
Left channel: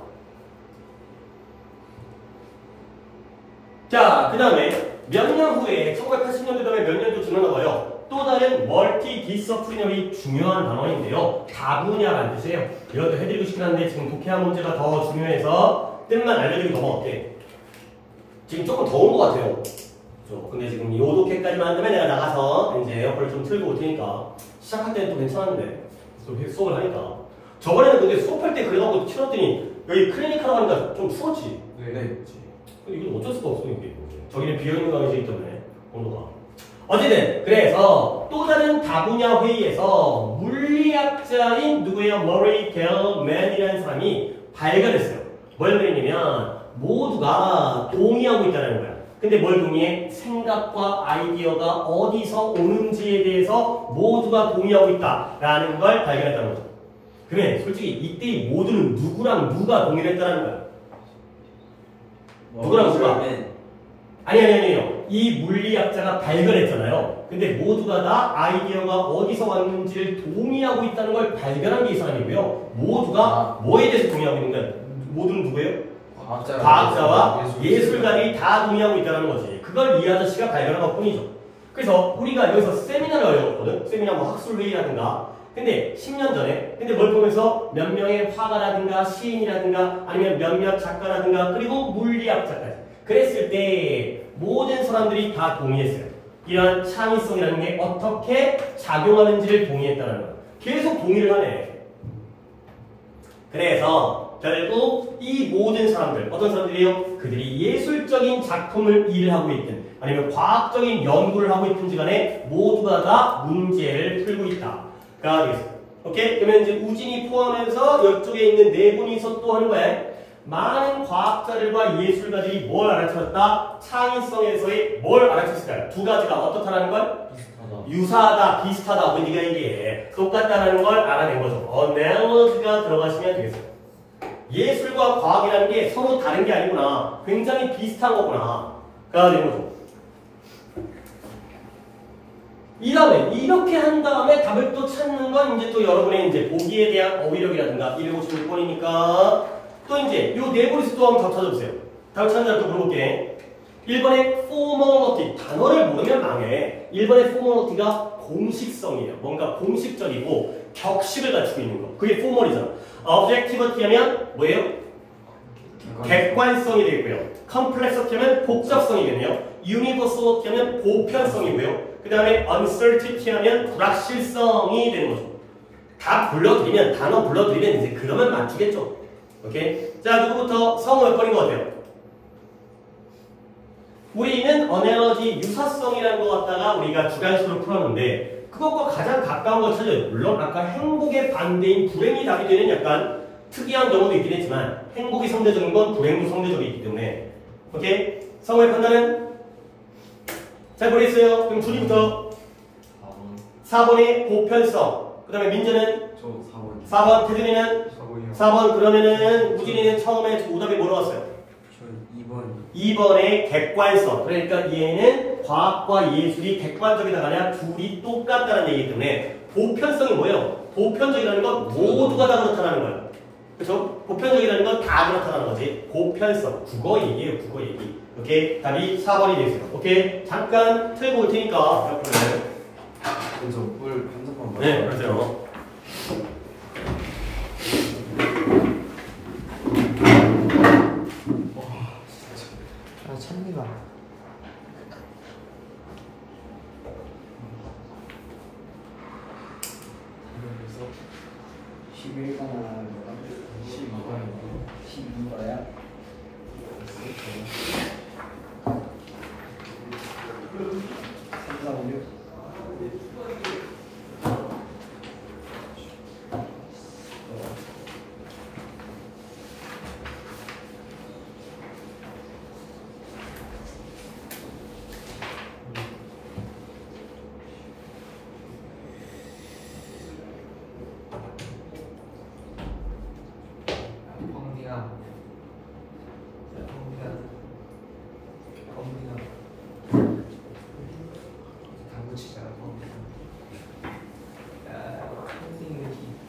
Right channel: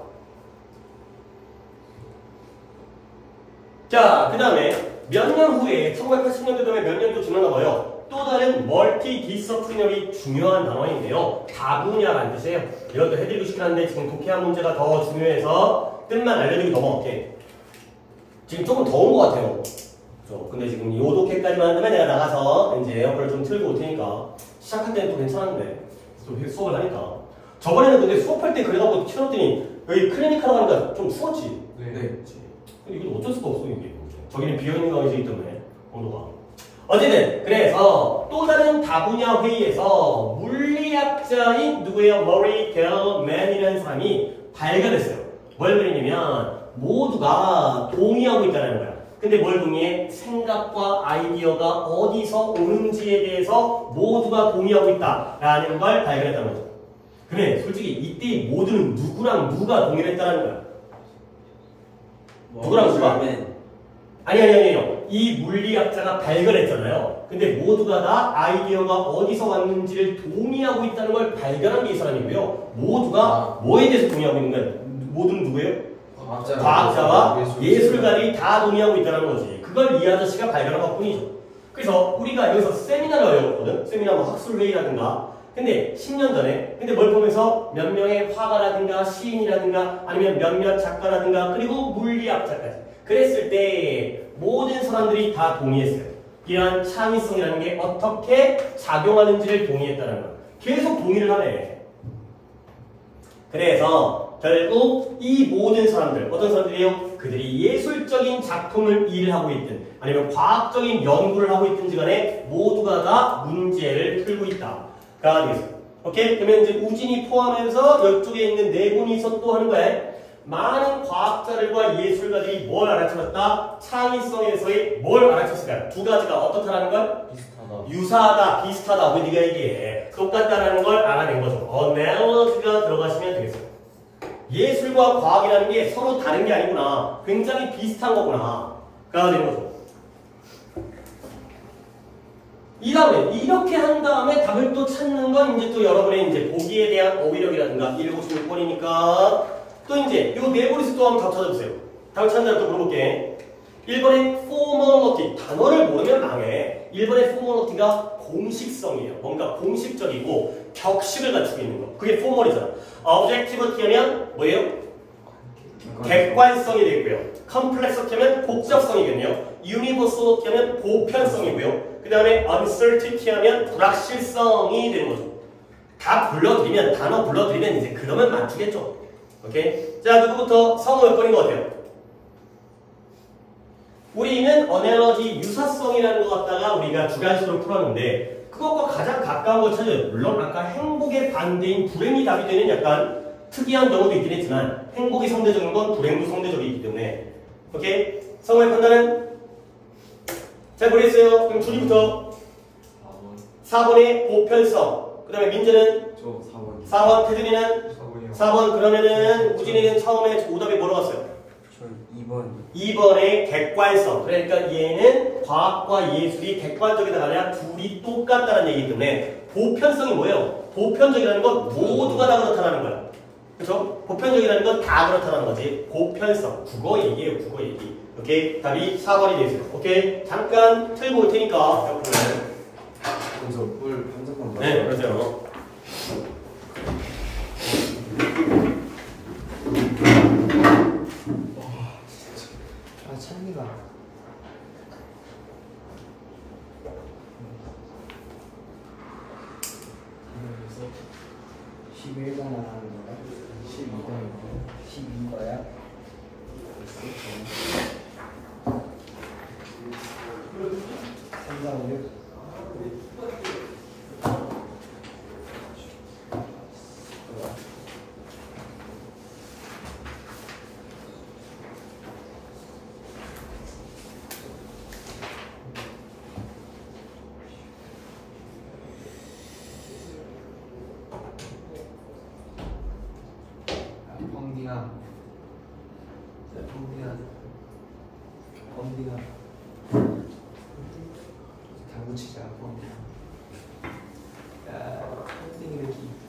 자, 그 다음에 몇 년 후에 1980년대 다음에 몇 년도 지나나 봐요. 또 다른 멀티 디서플리너리 중요한 단원인데요. 다분야라는 뜻이에요. 이것도 해드리고 싶긴 한데 지금 독해학 문제가 더 중요해서 뜻만 알려드리고 넘어갈게. 지금 조금 더운 것 같아요. 근데 지금 이 독해까지만 하면 내가 나가서 이제 에어컨을 좀 틀고 올 테니까 시작할 때는 또 괜찮은데 또 수업을 하니까. 저번에는 근데 수업할 때 그래갖고 틀었더니 여기 클리닉 하러 가니까 좀 추웠지. 네. 근데 이거 어쩔 수가 없어 이게. 저기는 비어있는 강의이기 때문에 온도가. 어쨌든 그래서 또 다른 다분야 회의에서 물리학자인 누구예요? 머리 갤맨이라는 사람이 발견했어요. 뭘 그랬냐면 모두가 동의하고 있다는 거야. 근데 뭘 동의해? 생각과 아이디어가 어디서 오는지에 대해서 모두가 동의하고 있다라는 걸 발견했다는 거죠. 그러면 솔직히 이때 모두는 누구랑 누가 동의를 했다는 거야? 누구랑 누가? 아니요. 이 물리학자가 발견했잖아요. 근데 모두가 다 아이디어가 어디서 왔는지를 동의하고 있다는 걸 발견한 게 이 사람이고요. 모두가 뭐에 대해서 동의하고 있는 거야? 모두는 누구예요? 과학자와 예술가들이 다 동의하고 있다는 거지. 그걸 이 아저씨가 발견한 것 뿐이죠. 그래서 우리가 여기서 세미나를 열었거든. 세미나 뭐 학술회의라든가. 근데 10년 전에 근데 뭘 보면서 몇 명의 화가라든가 시인이라든가 아니면 몇몇 작가라든가 그리고 물리학자까지 그랬을 때 모든 사람들이 다 동의했어요. 이러한 창의성이라는 게 어떻게 작용하는지를 동의했다는 거예요. 계속 동의를 하네. 그래서 결국 이 모든 사람들, 어떤 사람들이요? 그들이 예술적인 작품을 일하고 있든 아니면 과학적인 연구를 하고 있든지 간에 모두가 다 문제를 풀고 있다가 되겠습니다. 오케이? 그러면 이제 우진이 포함해서 이쪽에 있는 네 분이서 또 하는 거예요. 많은 과학자들과 예술가들이 뭘 알아차렸다? 창의성에서의 뭘 알아챘을까요? 두 가지가 어떻다는 걸? 비슷하다. 유사하다, 비슷하다. 왜 네가 이게 똑같다라는 걸 알아낸 거죠. analogy가 들어가시면 되겠습니다. 예술과 과학이라는 게 서로 다른 게 아니구나. 굉장히 비슷한 거구나. 가 된 거죠. 이 다음에 이렇게 한 다음에 답을 또 찾는 건 이제 또 여러분의 이제 보기에 대한 어휘력이라든가 156번이니까 또 이제 요 네 번에서 또 한번 답 찾아보세요. 답 찾는 대로 또 물어볼게. 1번의 formality, 단어를 모르면 망해. 1번의 formality,가 공식성이에요. 뭔가 공식적이고 격식을 갖추고 있는 거. 그게 formal이잖아. objectivity 하면 뭐예요? 객관성이 되겠고요. complexity 하면 복잡성이겠네요. universality 하면 보편성이고요. 그 다음에 uncertainty 하면 불확실성이 되는 거죠. 다 불러드리면, 단어 불러드리면 이제 그러면 맞추겠죠. 오케이? 자, 누구부터 성우 몇 번인 것 같아요? 우리는 analogy, 유사성이라는 거 갖다가 우리가 주관식으로 풀었는데 그것과 가장 가까운 걸 찾아요. 물론 아까 행복의 반대인 불행이 답이 되는 약간 특이한 경우도 있긴 했지만 행복이 상대적인 건 불행도 상대적이기 때문에 오케이? 성우의 판단은? 잘 모르겠어요. 그럼 둘이부터 4번의 보편성. 그 다음에 민재는? 저 4번. 4번, 태준이는? 4번. 그러면은 우진이는 처음에 오답에 뭐로 왔어요? 저 2번. 2번의 객관성. 그러니까 얘는 과학과 예술이 객관적이다 아니라 둘이 똑같다는 얘기이기 때문에 보편성이 뭐예요? 보편적이라는 건 모두가 다 그렇다는 거예요. 그렇죠? 보편적이라는 건 다 그렇다는 거지. 보편성. 국어 얘기예요. 국어 얘기. 오케이? 답이 4번이 되겠습니다. 오케이? 잠깐 틀고 올 테니까 옆으로. 그래서 물 분석한 거. 네, 그러세요. 나 찬미가. 그래서 11번을 하는 거야. 12번이고 12번이야.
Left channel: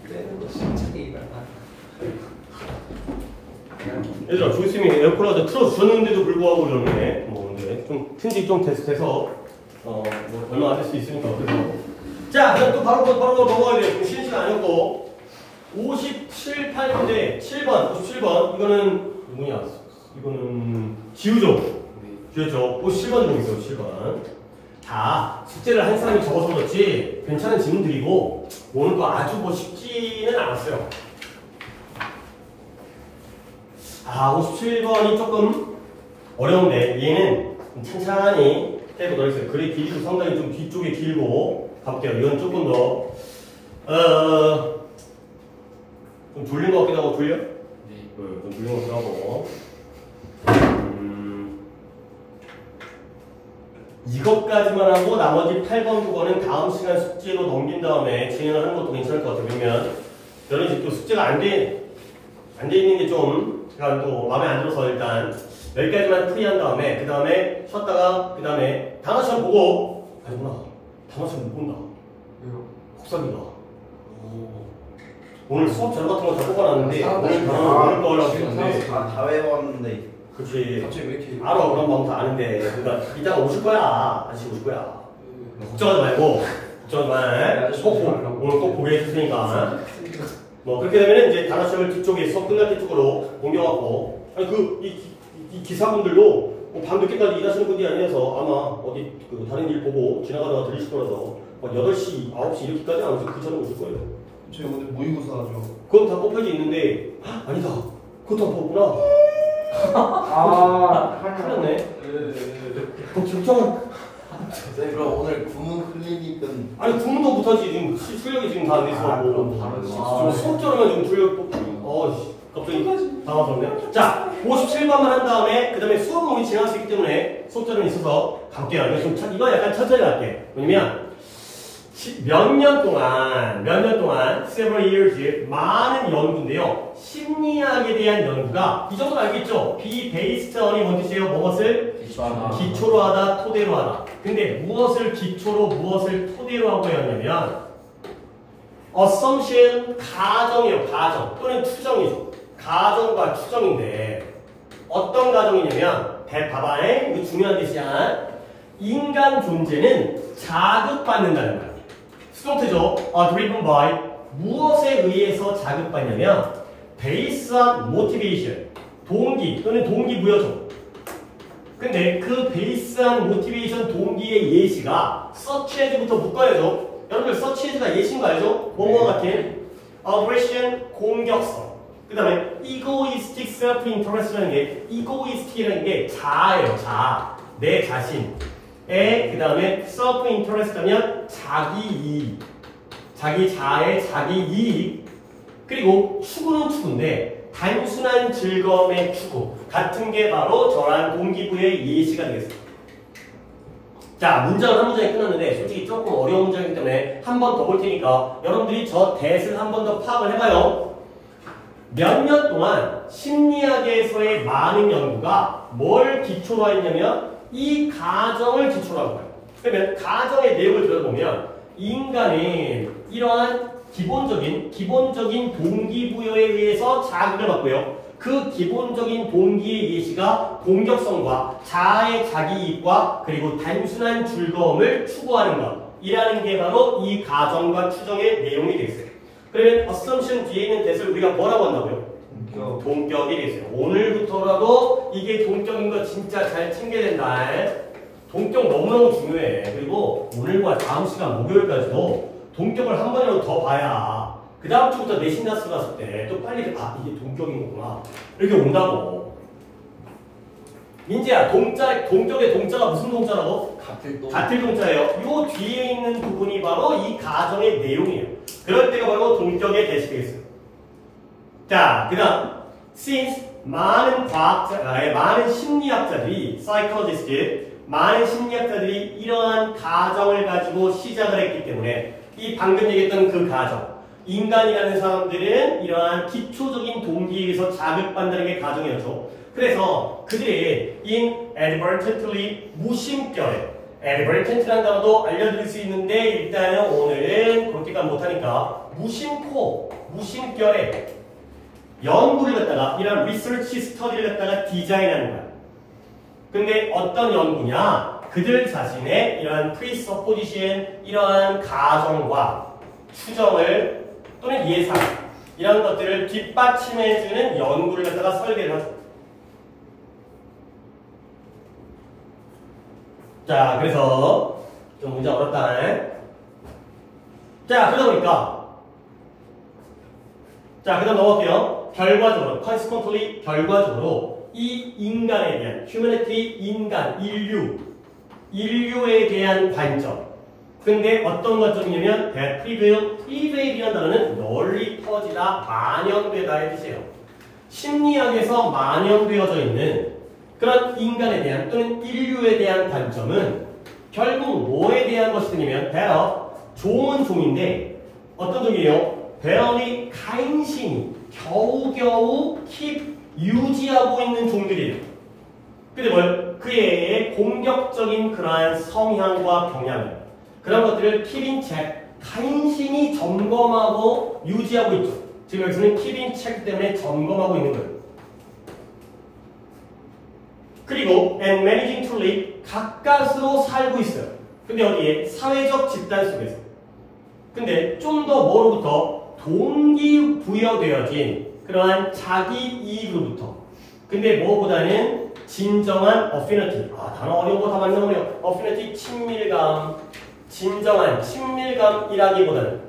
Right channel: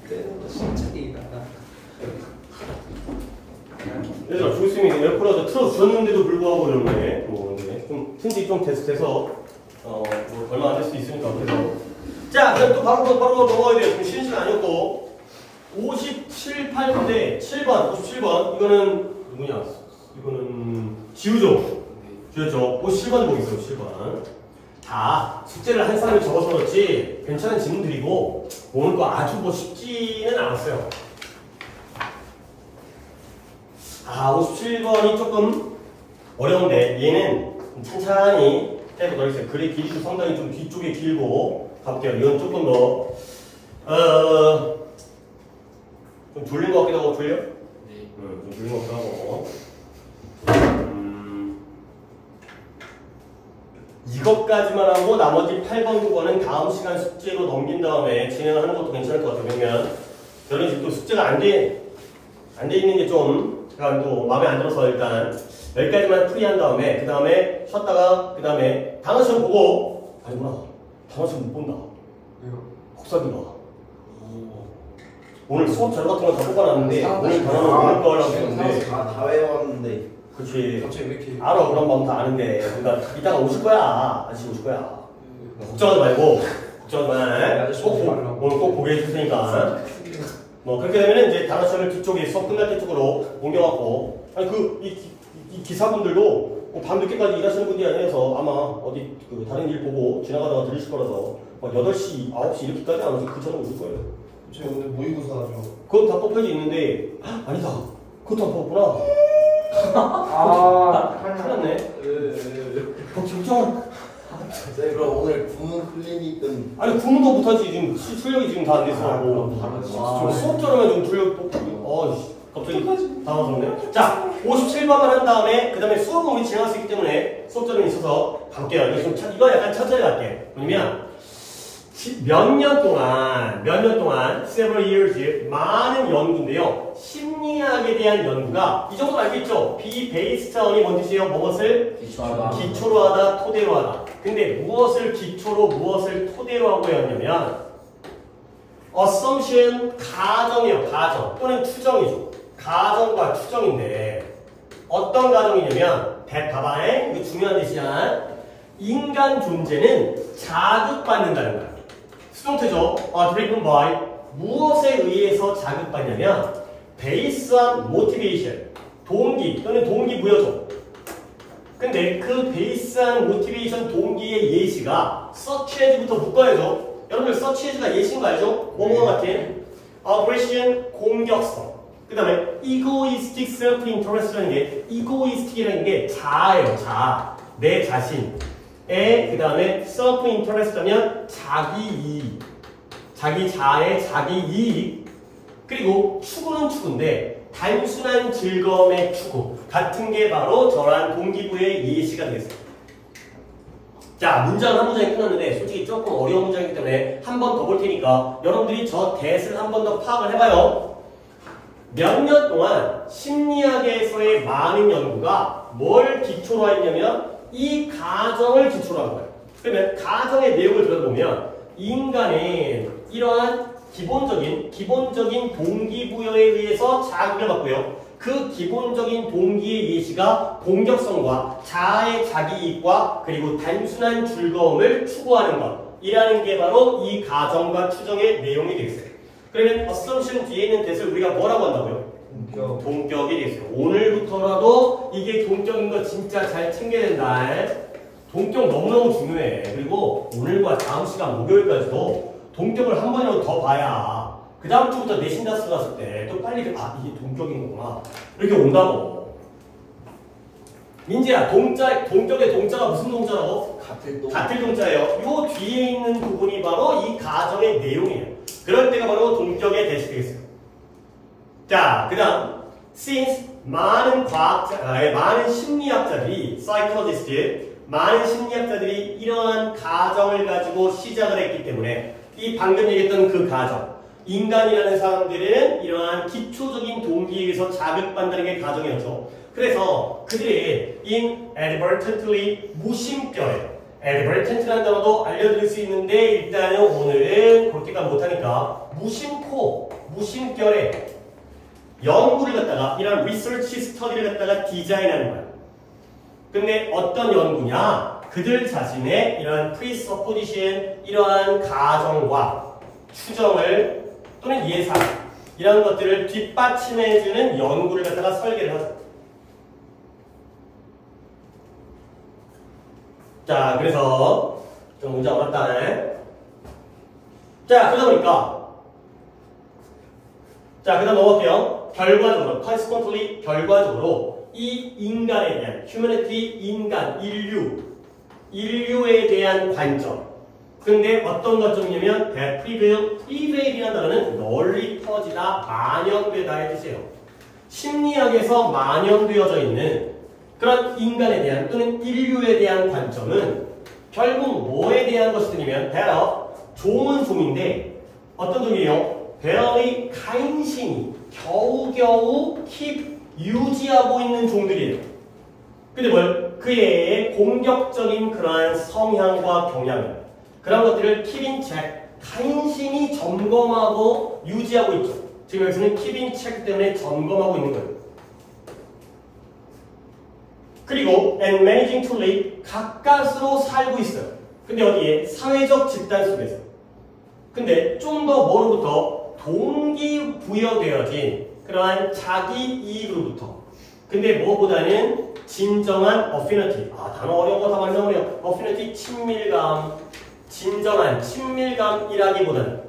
빼는 거 진짜 게임 같다. 얘들아, 조교수님이 에어컨을 틀어주셨는데도 불구하고 그러네. 뭐, 근데 좀 튼직 좀 돼서, 뭐, 얼마 안 될 수 있으니까. 그래서. 자, 그럼 또 바로 넘어가야 돼요. 지금 쉬는 시간 아니었고. 57, 8문제, 7번, 57번. 이거는, 누구냐? 이거는, 지우죠? 지우죠? 57번 보겠어요, 7번. 다 숙제를 한 사람이 적어서 그렇지, 괜찮은 질문들이고, 오늘 거 아주 뭐 쉽지는 않았어요. 57번이 조금 어려운데, 얘는 천천히 해보도록 하겠습니다. 글의 길이도 상당히 좀 뒤쪽에 길고, 가볼게요. 이건 조금 더, 좀 졸린 것 같기도 하고, 졸려? 네. 좀 졸린 것 같기도 하고. 이것까지만 하고 나머지 8번, 9번은 다음 시간 숙제로 넘긴 다음에 진행을 하는 것도 괜찮을 것 같아요. 왜냐면, 저는 이제 또 숙제가 안 돼 있는 게 좀, 제가 또 마음에 안 들어서 일단, 여기까지만 풀이한 다음에, 그 다음에 쉬었다가, 그 다음에 단어 시험 보고, 아니구나. 단어 시험 못 본다. 왜요? 혹사기가. 오늘 수업 자료 같은 거 다 뽑아놨는데, 오늘 단어는 오늘 거 하려고 했는데. 다 외웠는데. 그치. 갑자기 왜 이렇게 알아, 그런 마음 다 아는데. 그러니까 이따가 오실 거야. 아저씨 오실 거야. 걱정하지 말고, 걱정하지 말. 오늘 꼭 보게 해줄 테니까. 뭐, 그렇게 되면 이제 단어 시험을 뒤쪽에 수업 끝날 때 쪽으로 옮겨갖고, 아니, 이 기사분들도 뭐 밤늦게까지 일하시는 분이 아니라서 아마 어디 다른 일 보고 지나가다가 들으실 거라서 8시, 9시 이렇게까지 안 오셔서 그 전에 오실 거예요. 저 오늘 모의고사죠. 그건 다 뽑혀져 있는데, 아니다. 그것도 안 뽑았구나. 큰일 났네. 걱정. 네, 그럼 오늘 구문 클리닉은 아니, 구문도 못하지. 지금 출력이 지금 다 안 돼서. 수업처럼 지금 출력, 갑자기 당황스럽네. 자, 57번만 한 다음에, 그 다음에 수업은 우리 진행할 수 있기 때문에 수업자료는 있어서 갈게요. 이거 약간 천천히 갈게. 왜냐면, 몇 년 동안, several years, 많은 연구인데요. 심리학에 대한 연구가, 이 정도 알겠죠? be based on이 뭔 뜻이에요? 무엇을? 기초로 하다, 토대로 하다. 근데 무엇을 기초로, 무엇을 토대로 하고 했냐면, assumption, 가정이에요, 가정. 또는 추정이죠. 가정과 추정인데, 어떤 가정이냐면, 봐봐, 이거 중요한 뜻이야. 인간 존재는 자극받는다는 거야. 수동태죠. driven by. 무엇에 의해서 자극받냐면 based on motivation. 동기 또는 동기부여죠. 근데 그 based on motivation 동기의 예시가 such as부터 묶어야죠. 여러분들 such as가 예시인 거 알죠? 뭐뭐와 같은 aggression, 공격성. 그 다음에 egoistic self-interest라는 게 egoistic이라는 게 자아예요. 자아. 내 자신. 그 다음에 self-interest 하면 자기 이익, 자기 자아의 자기 이익, 그리고 추구는 추구인데 단순한 즐거움의 추구 같은 게 바로 저러한 동기부의 예시가 되겠습니다. 자, 문장은 한 문장이 끝났는데 솔직히 조금 어려운 문장이기 때문에 한 번 더 볼 테니까 여러분들이 저 대을 한 번 더 파악을 해봐요. 몇 년 동안 심리학에서의 많은 연구가 뭘 기초로 했냐면 이 가정을 기초로 한 거예요. 그러면 가정의 내용을 들어보면 인간은 이러한 기본적인 동기부여에 의해서 자극을 받고요. 그 기본적인 동기의 예시가 공격성과 자아의 자기이익과 그리고 단순한 즐거움을 추구하는 것이라는 게 바로 이 가정과 추정의 내용이 되겠어요. 그러면 assumption 뒤에 있는 대을 우리가 뭐라고 한다고요? 동격이 되겠어요. 오늘부터라도 이게 동격인 거 진짜 잘 챙겨야 된다. 동격 너무너무 중요해. 그리고 오늘과 다음 시간 목요일까지도 동격을 한 번이라도 더 봐야 그 다음 주부터 내신 다스 갔을 때 또 빨리 이게 동격인 거구나 이렇게 온다고. 민재야, 동격의 동자가 무슨 동자라고? 같을 동자예요. 요 뒤에 있는 부분이 바로 이 가정의 내용이에요. 그럴 때가 바로 동격의 대시 되겠어요. 자, 그 다음 since 많은 심리학자들이 psychologist, 많은 심리학자들이 이러한 가정을 가지고 시작을 했기 때문에 이 방금 얘기했던 그 가정, 인간이라는 사람들은 이러한 기초적인 동기에서 자극받는 게 가정이었죠. 그래서 그들이 inadvertently 무심결에, advertent라는 단어도 알려드릴 수 있는데 일단은 오늘은 그렇게까지 못하니까 무심결에 연구를 갖다가 이런 리서치 스터디를 갖다가 디자인하는 거야. 근데 어떤 연구냐? 그들 자신의 이러한 presupposition, 이러한 가정과 추정을 또는 예상 이런 것들을 뒷받침해주는 연구를 갖다가 설계를 하죠. 자, 그래서 좀 문제 어렵다. 자, 그러다 보니까 자, 그다음 넘어갈게요. 결과적으로, consequently 결과적으로 이 인간에 대한 humanity, 인간, 인류에 대한 관점. 근데 어떤 관점이냐면 that prevail이라는 단어는 널리 퍼지다, 만연되다의 뜻이에요. 심리학에서 만연되어져 있는 그런 인간에 대한 또는 인류에 대한 관점은 결국 뭐에 대한 것이냐면 종은 종인데 어떤 종이에요? barely 간신히 겨우겨우 유지하고 있는 종들이에요. 근데 그의 공격적인 그러한 성향과 경향 그런 것들을 keep in check 간신히 점검하고 유지하고 있죠. 지금 여기서는 keep in check 때문에 점검하고 있는 거예요. 그리고 and managing to live 가까스로 살고 있어요. 근데 어디에? 사회적 집단 속에서. 근데 좀 더 뭐로부터? 동기부여되어진 그러한 자기 이익으로부터. 근데 뭐보다는 진정한 affinity. 단어 어려운 거 다 많이 나오네요. affinity, 친밀감. 진정한 친밀감이라기보다는.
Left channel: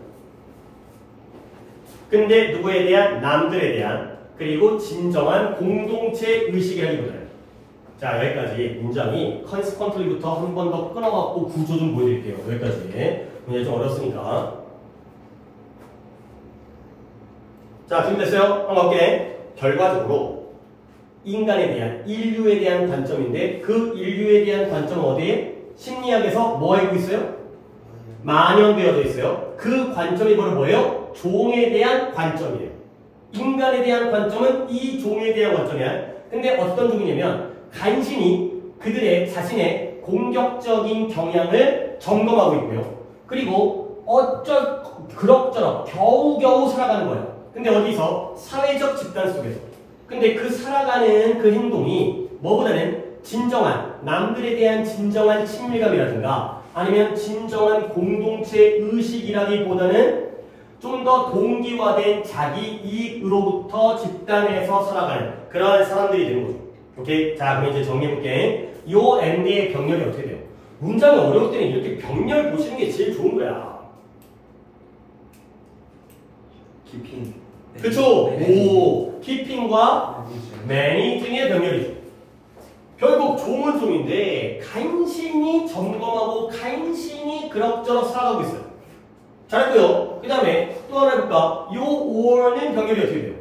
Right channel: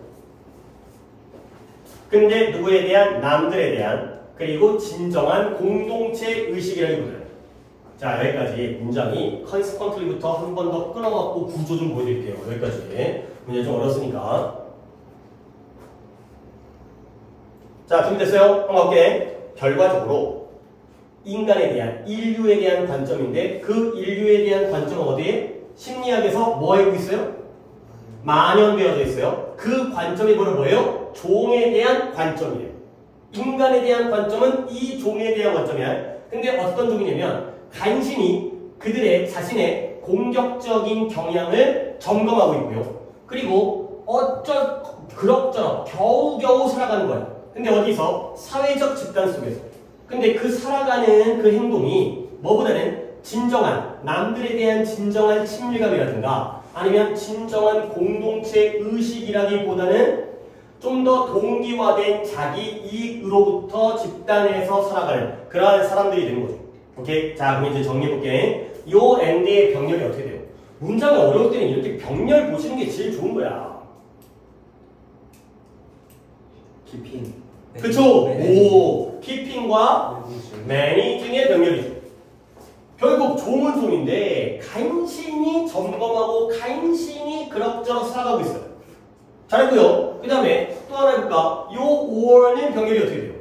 근데 누구에 대한? 남들에 대한. 그리고 진정한 공동체 의식이라기보다는. 자, 여기까지 문장이 consequently부터 한 번 더 끊어갖고 구조 좀 보여드릴게요. 여기까지. 문장이 좀 어렵으니까. 자, 준비됐어요? 한번 가볼게. 결과적으로 인간에 대한, 인류에 대한 관점인데 그 인류에 대한 관점은 어디에? 심리학에서 뭐 알고 있어요? 만연되어져 있어요. 그 관점이 뭐예요? 종에 대한 관점이에요. 인간에 대한 관점은 이 종에 대한 관점이야. 근데 어떤 종이냐면 간신히 그들의 자신의 공격적인 경향을 점검하고 있고요. 그리고 그럭저럭 겨우겨우 살아가는 거야. 근데 어디서? 사회적 집단 속에서. 근데 그 살아가는 그 행동이 뭐보다는 진정한 남들에 대한 진정한 친밀감이라든가 아니면 진정한 공동체 의식이라기보다는 좀 더 동기화된 자기 이익으로부터 집단에서 살아가는 그러한 사람들이 되는 거죠. 오케이? 자, 그럼 이제 정리해볼게. 요 엔드의 병렬이 어떻게 돼요? 문장이 어려울 때는 이렇게 병렬 보시는 게 제일 좋은 거야. 키핑. 그쵸? 오, 키핑과 매니징의 병렬이죠. 결국 종은 종인데 간신히 점검하고 간신히 그럭저럭 살아가고 있어요. 잘했고요. 그 다음에 또 하나 해볼까? 요 5월은 병렬이 어떻게 돼요?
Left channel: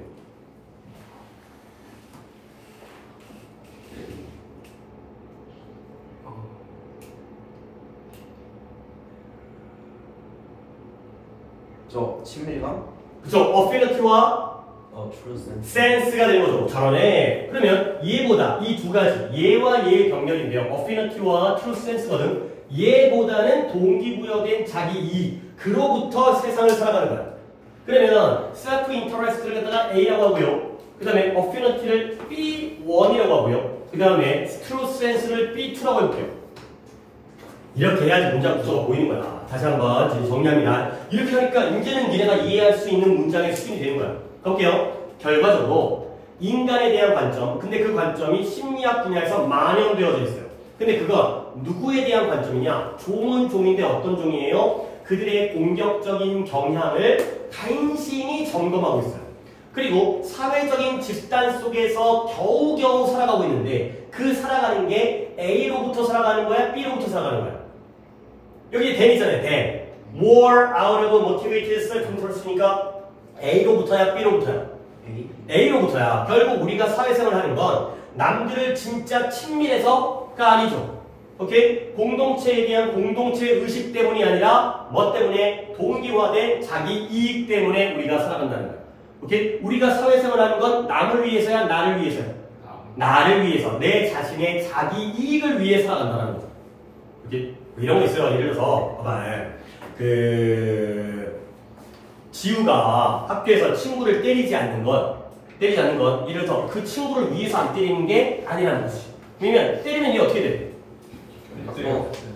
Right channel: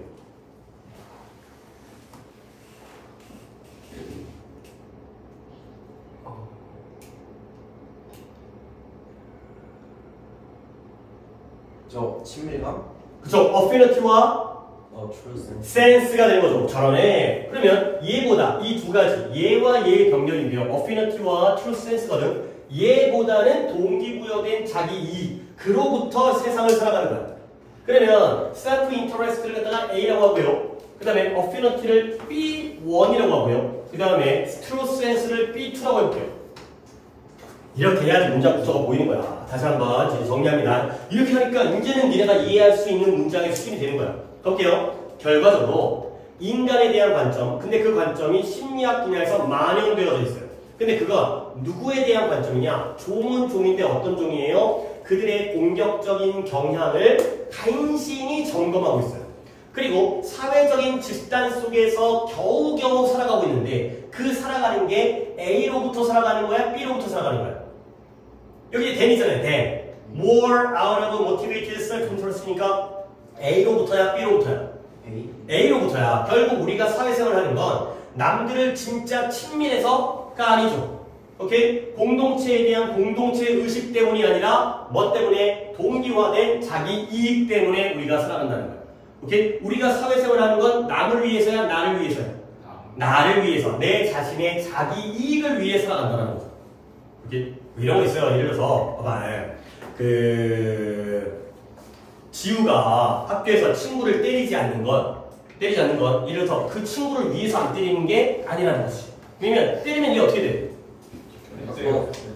저 친밀감? 그쵸? affinity와 sense가 되는 거죠. 잘하네. 그러면 얘보다 이 두 가지 얘와 얘의 병렬인데요. affinity와 true sense거든. 얘보다는 동기부여된 자기 이익 그로부터 세상을 살아가는 거야. 그러면 self interest를 갖다가 A라고 하고요. 그 다음에 affinity를 B1이라고 하고요. 그 다음에 true sense를 B2라고 해볼게요. 이렇게 해야지 문장 구조가 보이는 거야. 다시 한번 정리합니다. 이렇게 하니까 이제는 니네가 이해할 수 있는 문장의 수준이 되는 거야. 볼게요. 결과적으로 인간에 대한 관점, 근데 그 관점이 심리학 분야에서 만연되어져 있어요. 근데 그건 누구에 대한 관점이냐? 종은 종인데 어떤 종이에요? 그들의 공격적인 경향을 간신히 점검하고 있어요. 그리고 사회적인 집단 속에서 겨우겨우 살아가고 있는데 그 살아가는 게 A로부터 살아가는 거야? B로부터 살아가는 거야? 여기 then 있잖아요. then. More out of motivated self-interest니까 A로부터야? B로부터야? A로부터야. 결국 우리가 사회생활을 하는 건 남들을 진짜 친밀해서가 아니죠. 오케이? 공동체에 대한 공동체 의식 때문이 아니라 뭐 때문에? 동기화된 자기 이익 때문에 우리가 살아간다는 거야. 오케이? 우리가 사회생활을 하는 건 남을 위해서야? 나를 위해서야? 나를 위해서. 내 자신의 자기 이익을 위해 살아간다는 거죠. 오케이? 이런 거 있어요. 예를 들어서 봐봐. 지우가 학교에서 친구를 때리지 않는 건 때리지 않는 건 이를 더 그 친구를 위해서 안 때리는 게 아니라는 거지. 왜냐면 때리면 이게 어떻게 돼?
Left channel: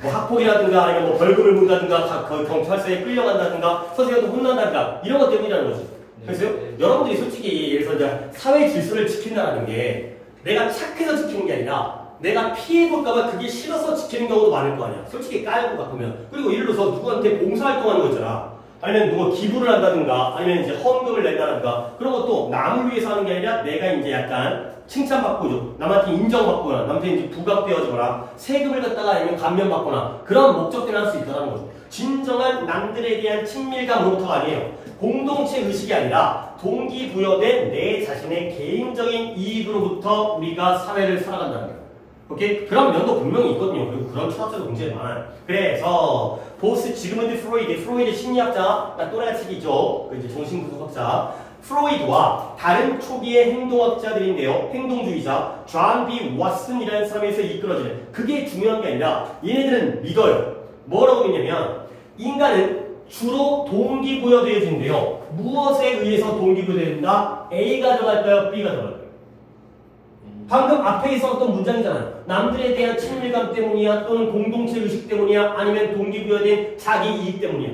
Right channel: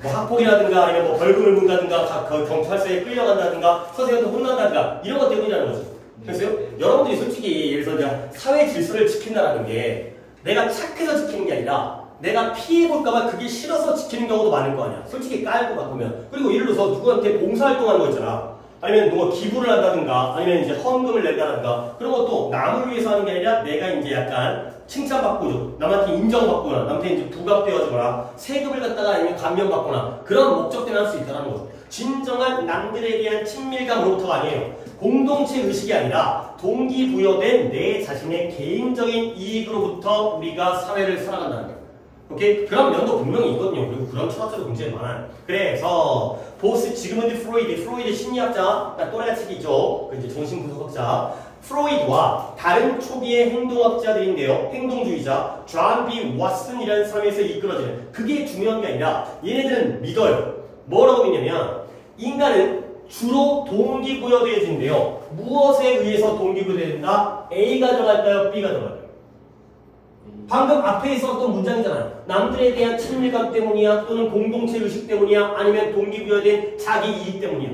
뭐 학폭이라든가 아니면 뭐 벌금을 문다든가 경찰서에 끌려간다든가 선생님한테 혼난다든가 이런 것 때문이라는 거지. 그래서 여러분들이 솔직히 예를 들어서 내가 사회 질서를 지킨다는 게 내가 착해서 지키는 게 아니라 내가 피해볼까봐 그게 싫어서 지키는 경우도 많을 거 아니야. 솔직히 깔고 바꾸면. 그리고 예를 들어서 누구한테 봉사활동하는 거 있잖아. 아니면 누가 기부를 한다든가 아니면 이제 헌금을 낸다든가 그런 것도 남을 위해서 하는 게 아니라 내가 이제 약간 칭찬받고 남한테 인정받거나 남한테 이제 부각되어지거나 세금을 갖다가 아니면 감면받거나 그런 목적 때문에 할 수 있다는 거죠. 진정한 남들에 대한 친밀감으로부터가 아니에요. 공동체 의식이 아니라 동기부여된 내 자신의 개인적인 이익으로부터 우리가 사회를 살아간다는 거예요. 오케이? 그런 면도 분명히 있거든요. 그리고 그런 철학자도 굉장히 많아요. 그래서 보스 지그문드 프로이드 심리학자, 그러니까 또래가치기죠. 그 이제 정신분석학자 프로이드와 다른 초기의 행동학자들인데요. 행동주의자 존 B. 왓슨이라는 사람에서 이끌어지는 그게 중요한 게 아니라 얘네들은 믿어요. 뭐라고 믿냐면 인간은 주로 동기부여되어진대요. 무엇에 의해서 동기부여된다? A가 정할까요? B가 정할까요? 방금 앞에 있었던 문장이잖아요. 남들에 대한 친밀감 때문이야? 또는 공동체 의식 때문이야? 아니면 동기부여된 자기 이익 때문이야?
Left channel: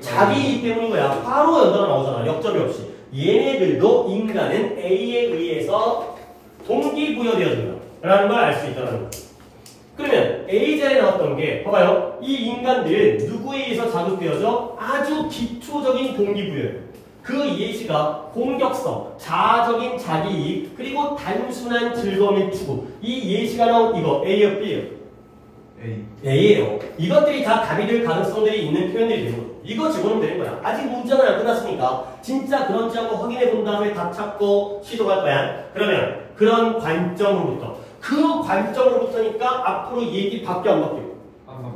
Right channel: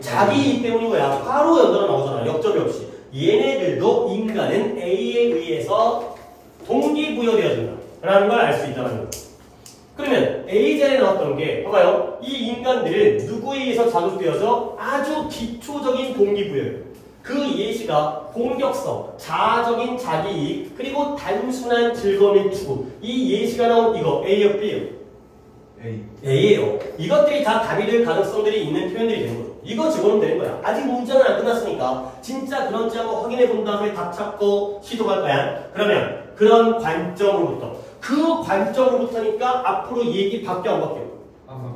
자기 이익 때문인 거야. 바로 연달아 나오잖아. 역접이 없이. 얘네들도 인간은 A에 의해서 동기부여되어진다 라는 걸 알 수 있다는 거예요. 그러면 A자에 나왔던 게 봐봐요. 이 인간들은 누구에 의해서 자극되어져? 아주 기초적인 동기부여예요. 그 예시가 공격성, 자아적인 자기이익, 그리고 단순한 즐거움의 추구. 이 예시가 나온 이거 A예요, B예요? A예요. 이것들이 다 답이 될 가능성들이 있는 표현들이 되는 거예요. 이거 집어넣으면 되는 거야. 아직 문장은 안 끝났으니까 진짜 그런지 한번 확인해 본 다음에 다 찾고 시도할 거야. 그러면 그런 관점으로부터 그 관점으로부터니까 앞으로 얘기 바뀌어 안 바뀌어요?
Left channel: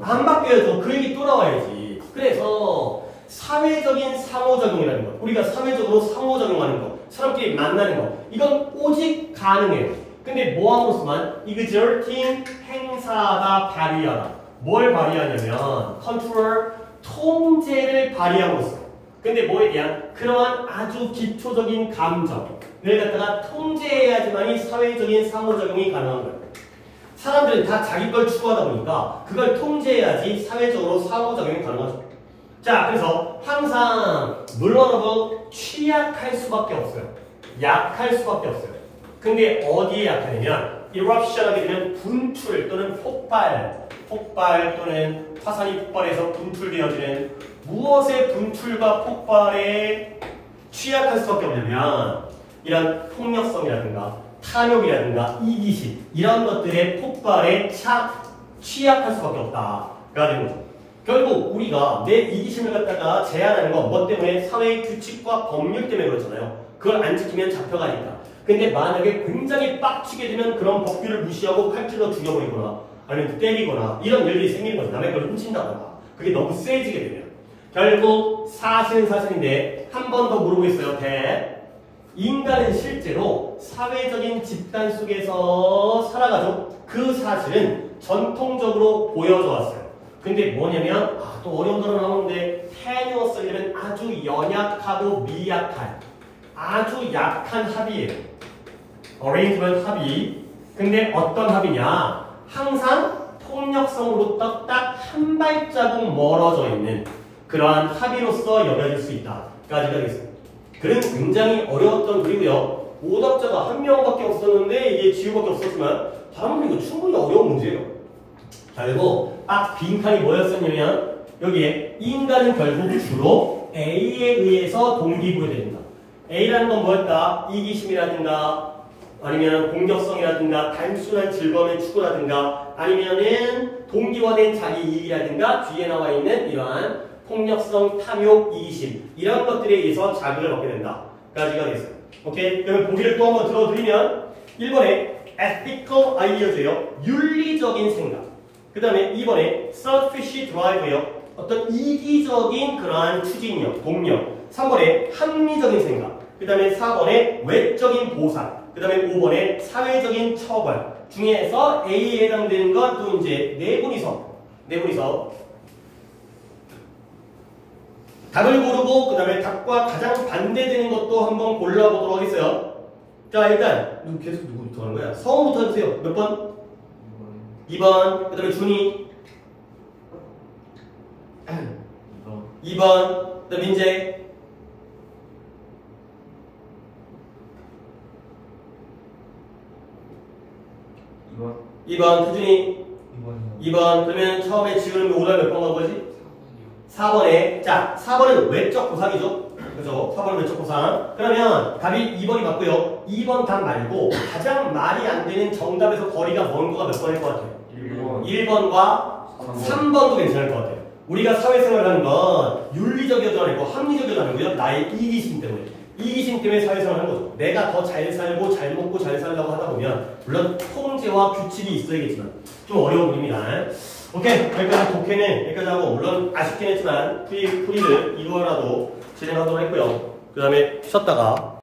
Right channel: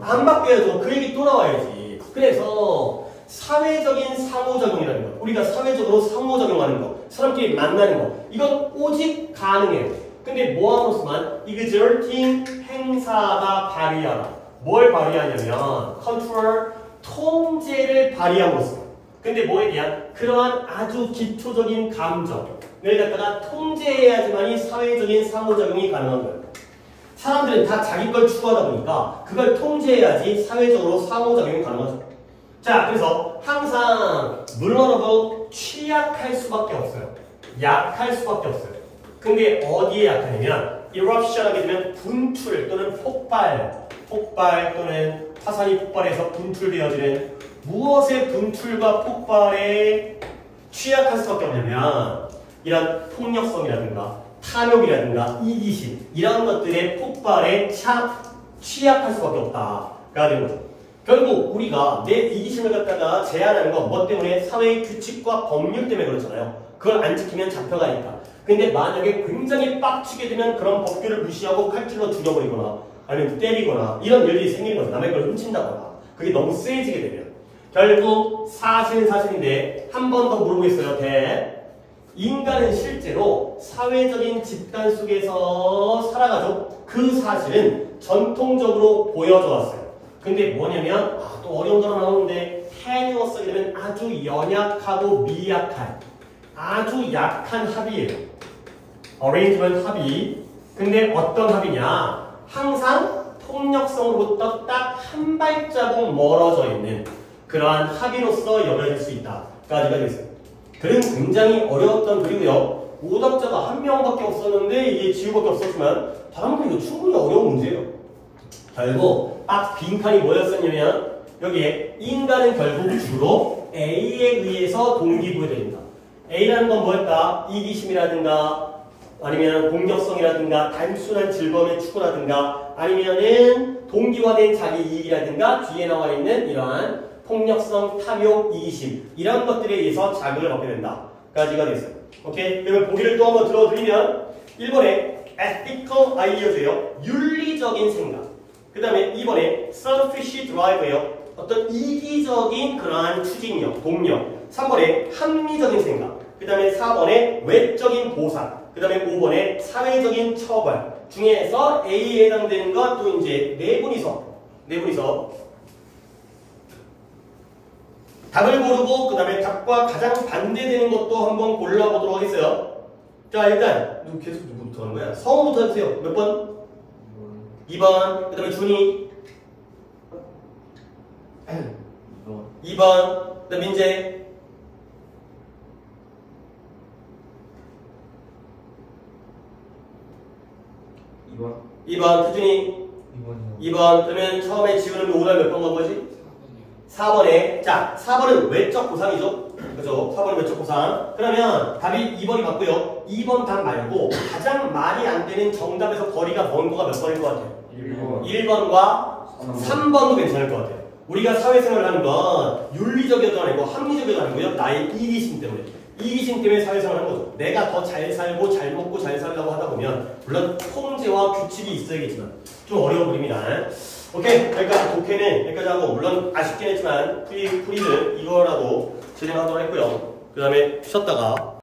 안 바뀌어야죠. 그 얘기 또 나와야지. 그래서 사회적인 상호작용이라는 거, 우리가 사회적으로 상호작용하는 거, 사람끼리 만나는 거, 이건 오직 가능해요. 근데 뭐함으로써만 exerting 행사가 발휘하다. 뭘 발휘하냐면 control, 통제를 발휘함으로써. 근데 뭐에 대한 그러한 아주 기초적인 감정을 갖다가 통제해야지만이 사회적인 상호작용이 가능한 거예요. 사람들은 다 자기 걸 추구하다 보니까 그걸 통제해야지 사회적으로 상호작용이 가능하죠. 자, 그래서 항상 vulnerable, 취약할 수밖에 없어요. 약할 수밖에 없어요. 근데 어디에 약하냐면 eruption 하게 되면 분출 또는 폭발 또는 화산이 폭발해서 분출되어지는 무엇의 분출과 폭발에 취약할 수밖에 없냐면 이런 폭력성이라든가 탐욕이라든가 이기심 이런 것들의 폭발에 취약할 수밖에 없다가 되는 거죠. 결국 우리가 내 이기심을 갖다가 제한하는 건 뭐 때문에? 사회의 규칙과 법률 때문에 그렇잖아요. 그걸 안 지키면 잡혀가니까. 근데 만약에 굉장히 빡치게 되면 그런 법규를 무시하고 칼질로 죽여버리거나 아니면 때리거나 이런 일들이 생기는 거죠. 남의 걸 훔친다거나. 그게 너무 세지게 되면. 결국 사실은 사실인데 한 번 더 물어보겠어요. 인간은 실제로 사회적인 집단 속에서 살아가죠. 그 사실은 전통적으로 보여져 왔어요. 근데 뭐냐면 또 어려운 단어 나오는데 tenuous는 아주 연약하고 미약한 아주 약한 합의예요. arrangement 합의. 근데 어떤 합의냐? 항상 폭력성으로부터 딱 한 발자국 멀어져 있는 그러한 합의로서 여겨질 수 있다까지가 되겠어요. 글은 굉장히 어려웠던 글이고요. 오답자가 한 명밖에 없었는데 이게 지우밖에 없었지만 다른 글이 충분히 어려운 문제예요. 결국 딱 빈칸이 뭐였었냐면 여기에 인간은 결국 주로 A에 의해서 동기부여됩니다. A라는 건 뭐였다? 이기심이라든가 아니면 공격성이라든가 단순한 즐거움의 추구라든가 아니면은 동기화된 자기 이익이라든가 뒤에 나와 있는 이러한 폭력성, 탐욕, 이기심 이런 것들에 의해서 자극을 얻게 된다. 까지가 되겠어요. 오케이? 그러면 보기를 또 한번 들어드리면 1번에 ethical ideas예요. 윤리적인 생각. 그 다음에 2번에 selfish drive예요. 어떤 이기적인 그러한 추진력, 동력. 3번에 합리적인 생각. 그 다음에 4번에 외적인 보상. 그 다음에 5번에 사회적인 처벌. 중에서 A에 해당되는 건 또 이제 네 분이서 답을 고르고 그 다음에 답과 가장 반대되는 것도 한번 골라보도록 하겠어요. 자, 일단 계속 누구부터 하는 거야? 성우부터 해주세요. 몇 번? 2번. 그 다음에 준이 2번. 그 다음에 민재 2번. 태준이 2번. 그러면 처음에 지우는 5단 몇 번 간 거지? 4번에. 자, 4번은 외적 보상이죠? 그죠? 4번은 외적 보상. 그러면 답이 2번이 맞고요. 2번 답 말고 가장 말이 안 되는 정답에서 거리가 먼 거가 몇 번일 것 같아요? 1번과 3번도 괜찮을 것 같아요. 우리가 사회생활을 하는 건 윤리적이어도 아니고 합리적이어도 아니고요. 나의 이기심 때문에. 이기심 때문에 사회생활을 하는 거죠. 내가 더 잘 살고 잘 먹고 잘 살려고 하다 보면 물론 통제와 규칙이 있어야겠지만 좀 어려운 부분입니다. 오케이, 여기까지 독해는 여기까지 하고 물론 아쉽긴 했지만 풀이를 이거라도 제대로 하도록 했고요. 그 다음에 쉬었다가